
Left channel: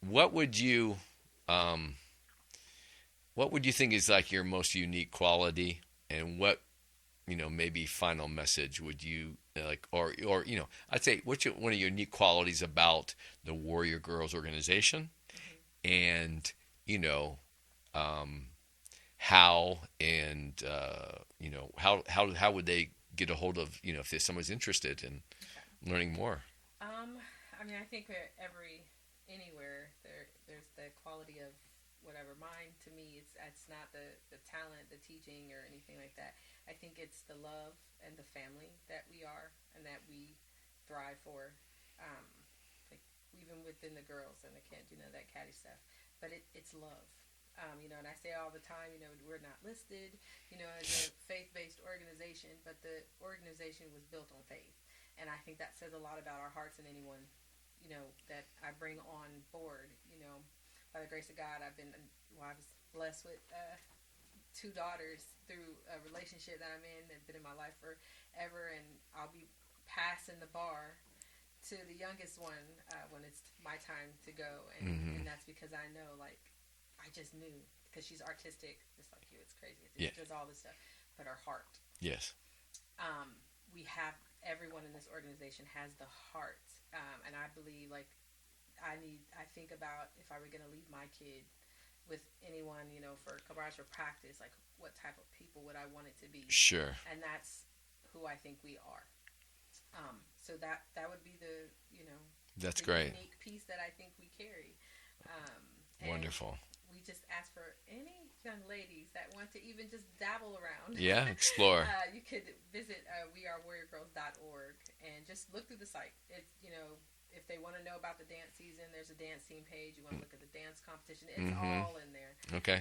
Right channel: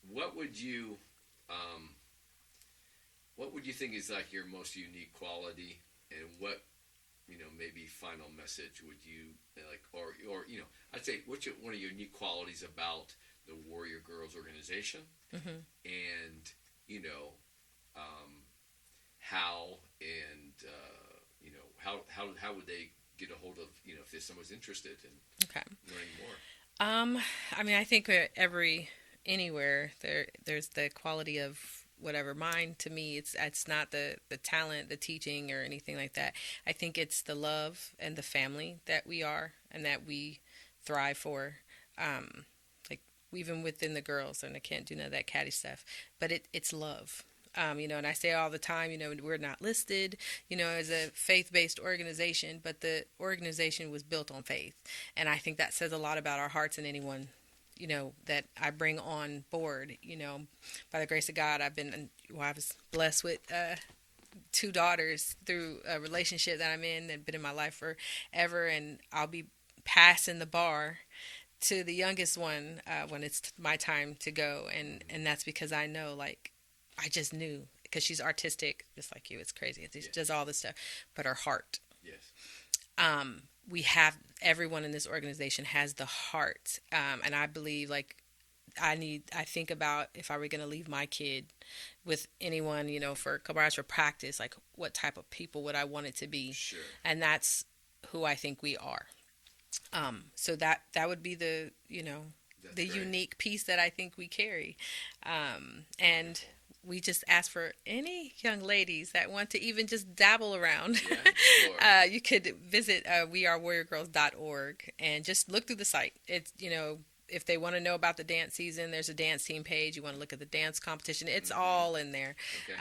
what would you think is like your most unique quality, and what maybe final message would you like, or I'd say what's one of your unique qualities about the Warrior Girls organization, Mm-hmm. and how, and how would they get a hold of, if there's someone's interested in Okay. learning more? I mean, I think anywhere there's the quality of whatever. Mine, to me, it's not the talent, the teaching, or anything like that. I think it's the love and the family that we are and that we thrive for. Like even within the girls, and I can't do none of that catty stuff, but it's love. And I say all the time, we're not listed, as a faith-based organization, but the organization was built on faith. And I think that says a lot about our hearts, and anyone, that I bring on board. By the grace of God, I was blessed with 2 daughters through a relationship that I'm in that have been in my life forever, and I'll be passing the bar to the youngest one when it's my time to go, and that's because I know, like, I just knew, because she's artistic, just like you. It's crazy. She does all this stuff, but her heart. Yes. We have, everyone in this organization has the heart, and I believe, like, I think about, if I were going to leave my kid with anyone, for a couple hours for practice, like, what type of people would I want it to be? Sure. And that's who I think we are. So that would be the That's the great. unique piece that I think we carry. And Wonderful. we just ask for any young ladies that want to even just dabble around. Yeah, explore. You could visit wearewarriorgirls.org and just look through the site. It's, if they want to know about the dance season, there's a dance team page. You want to look at the dance competition. It's all in there. Okay.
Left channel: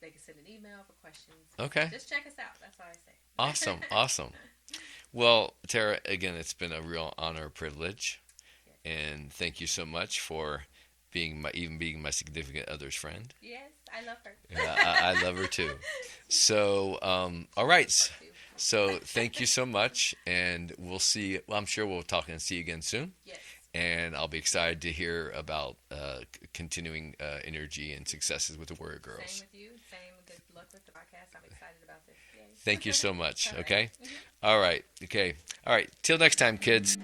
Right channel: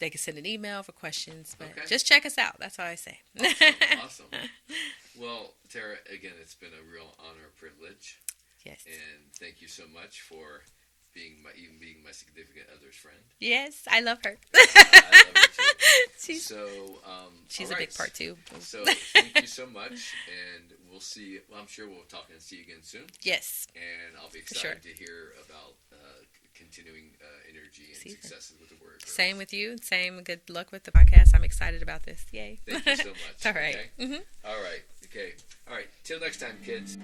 They can send an email for questions. Okay. Just check us out. That's all I say. Awesome. Well, Tara, again, it's been a real honor, privilege. Yes. And thank you so much for being my significant other's friend. Yes, I love her. Yeah, I love her too. So, She's all a right. big part too. So, thank you so much, and we'll see. Well, I'm sure we'll talk and see you again soon. Yes. And I'll be excited to hear about continuing energy and See. successes with the Warrior Girls. Same with you. Same. Good luck with the podcast. I'm excited about this. Yay. Thank you so much. All right. Okay. Mm-hmm. All right. Okay. All right. Till next time, kids.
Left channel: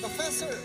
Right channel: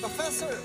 Professor,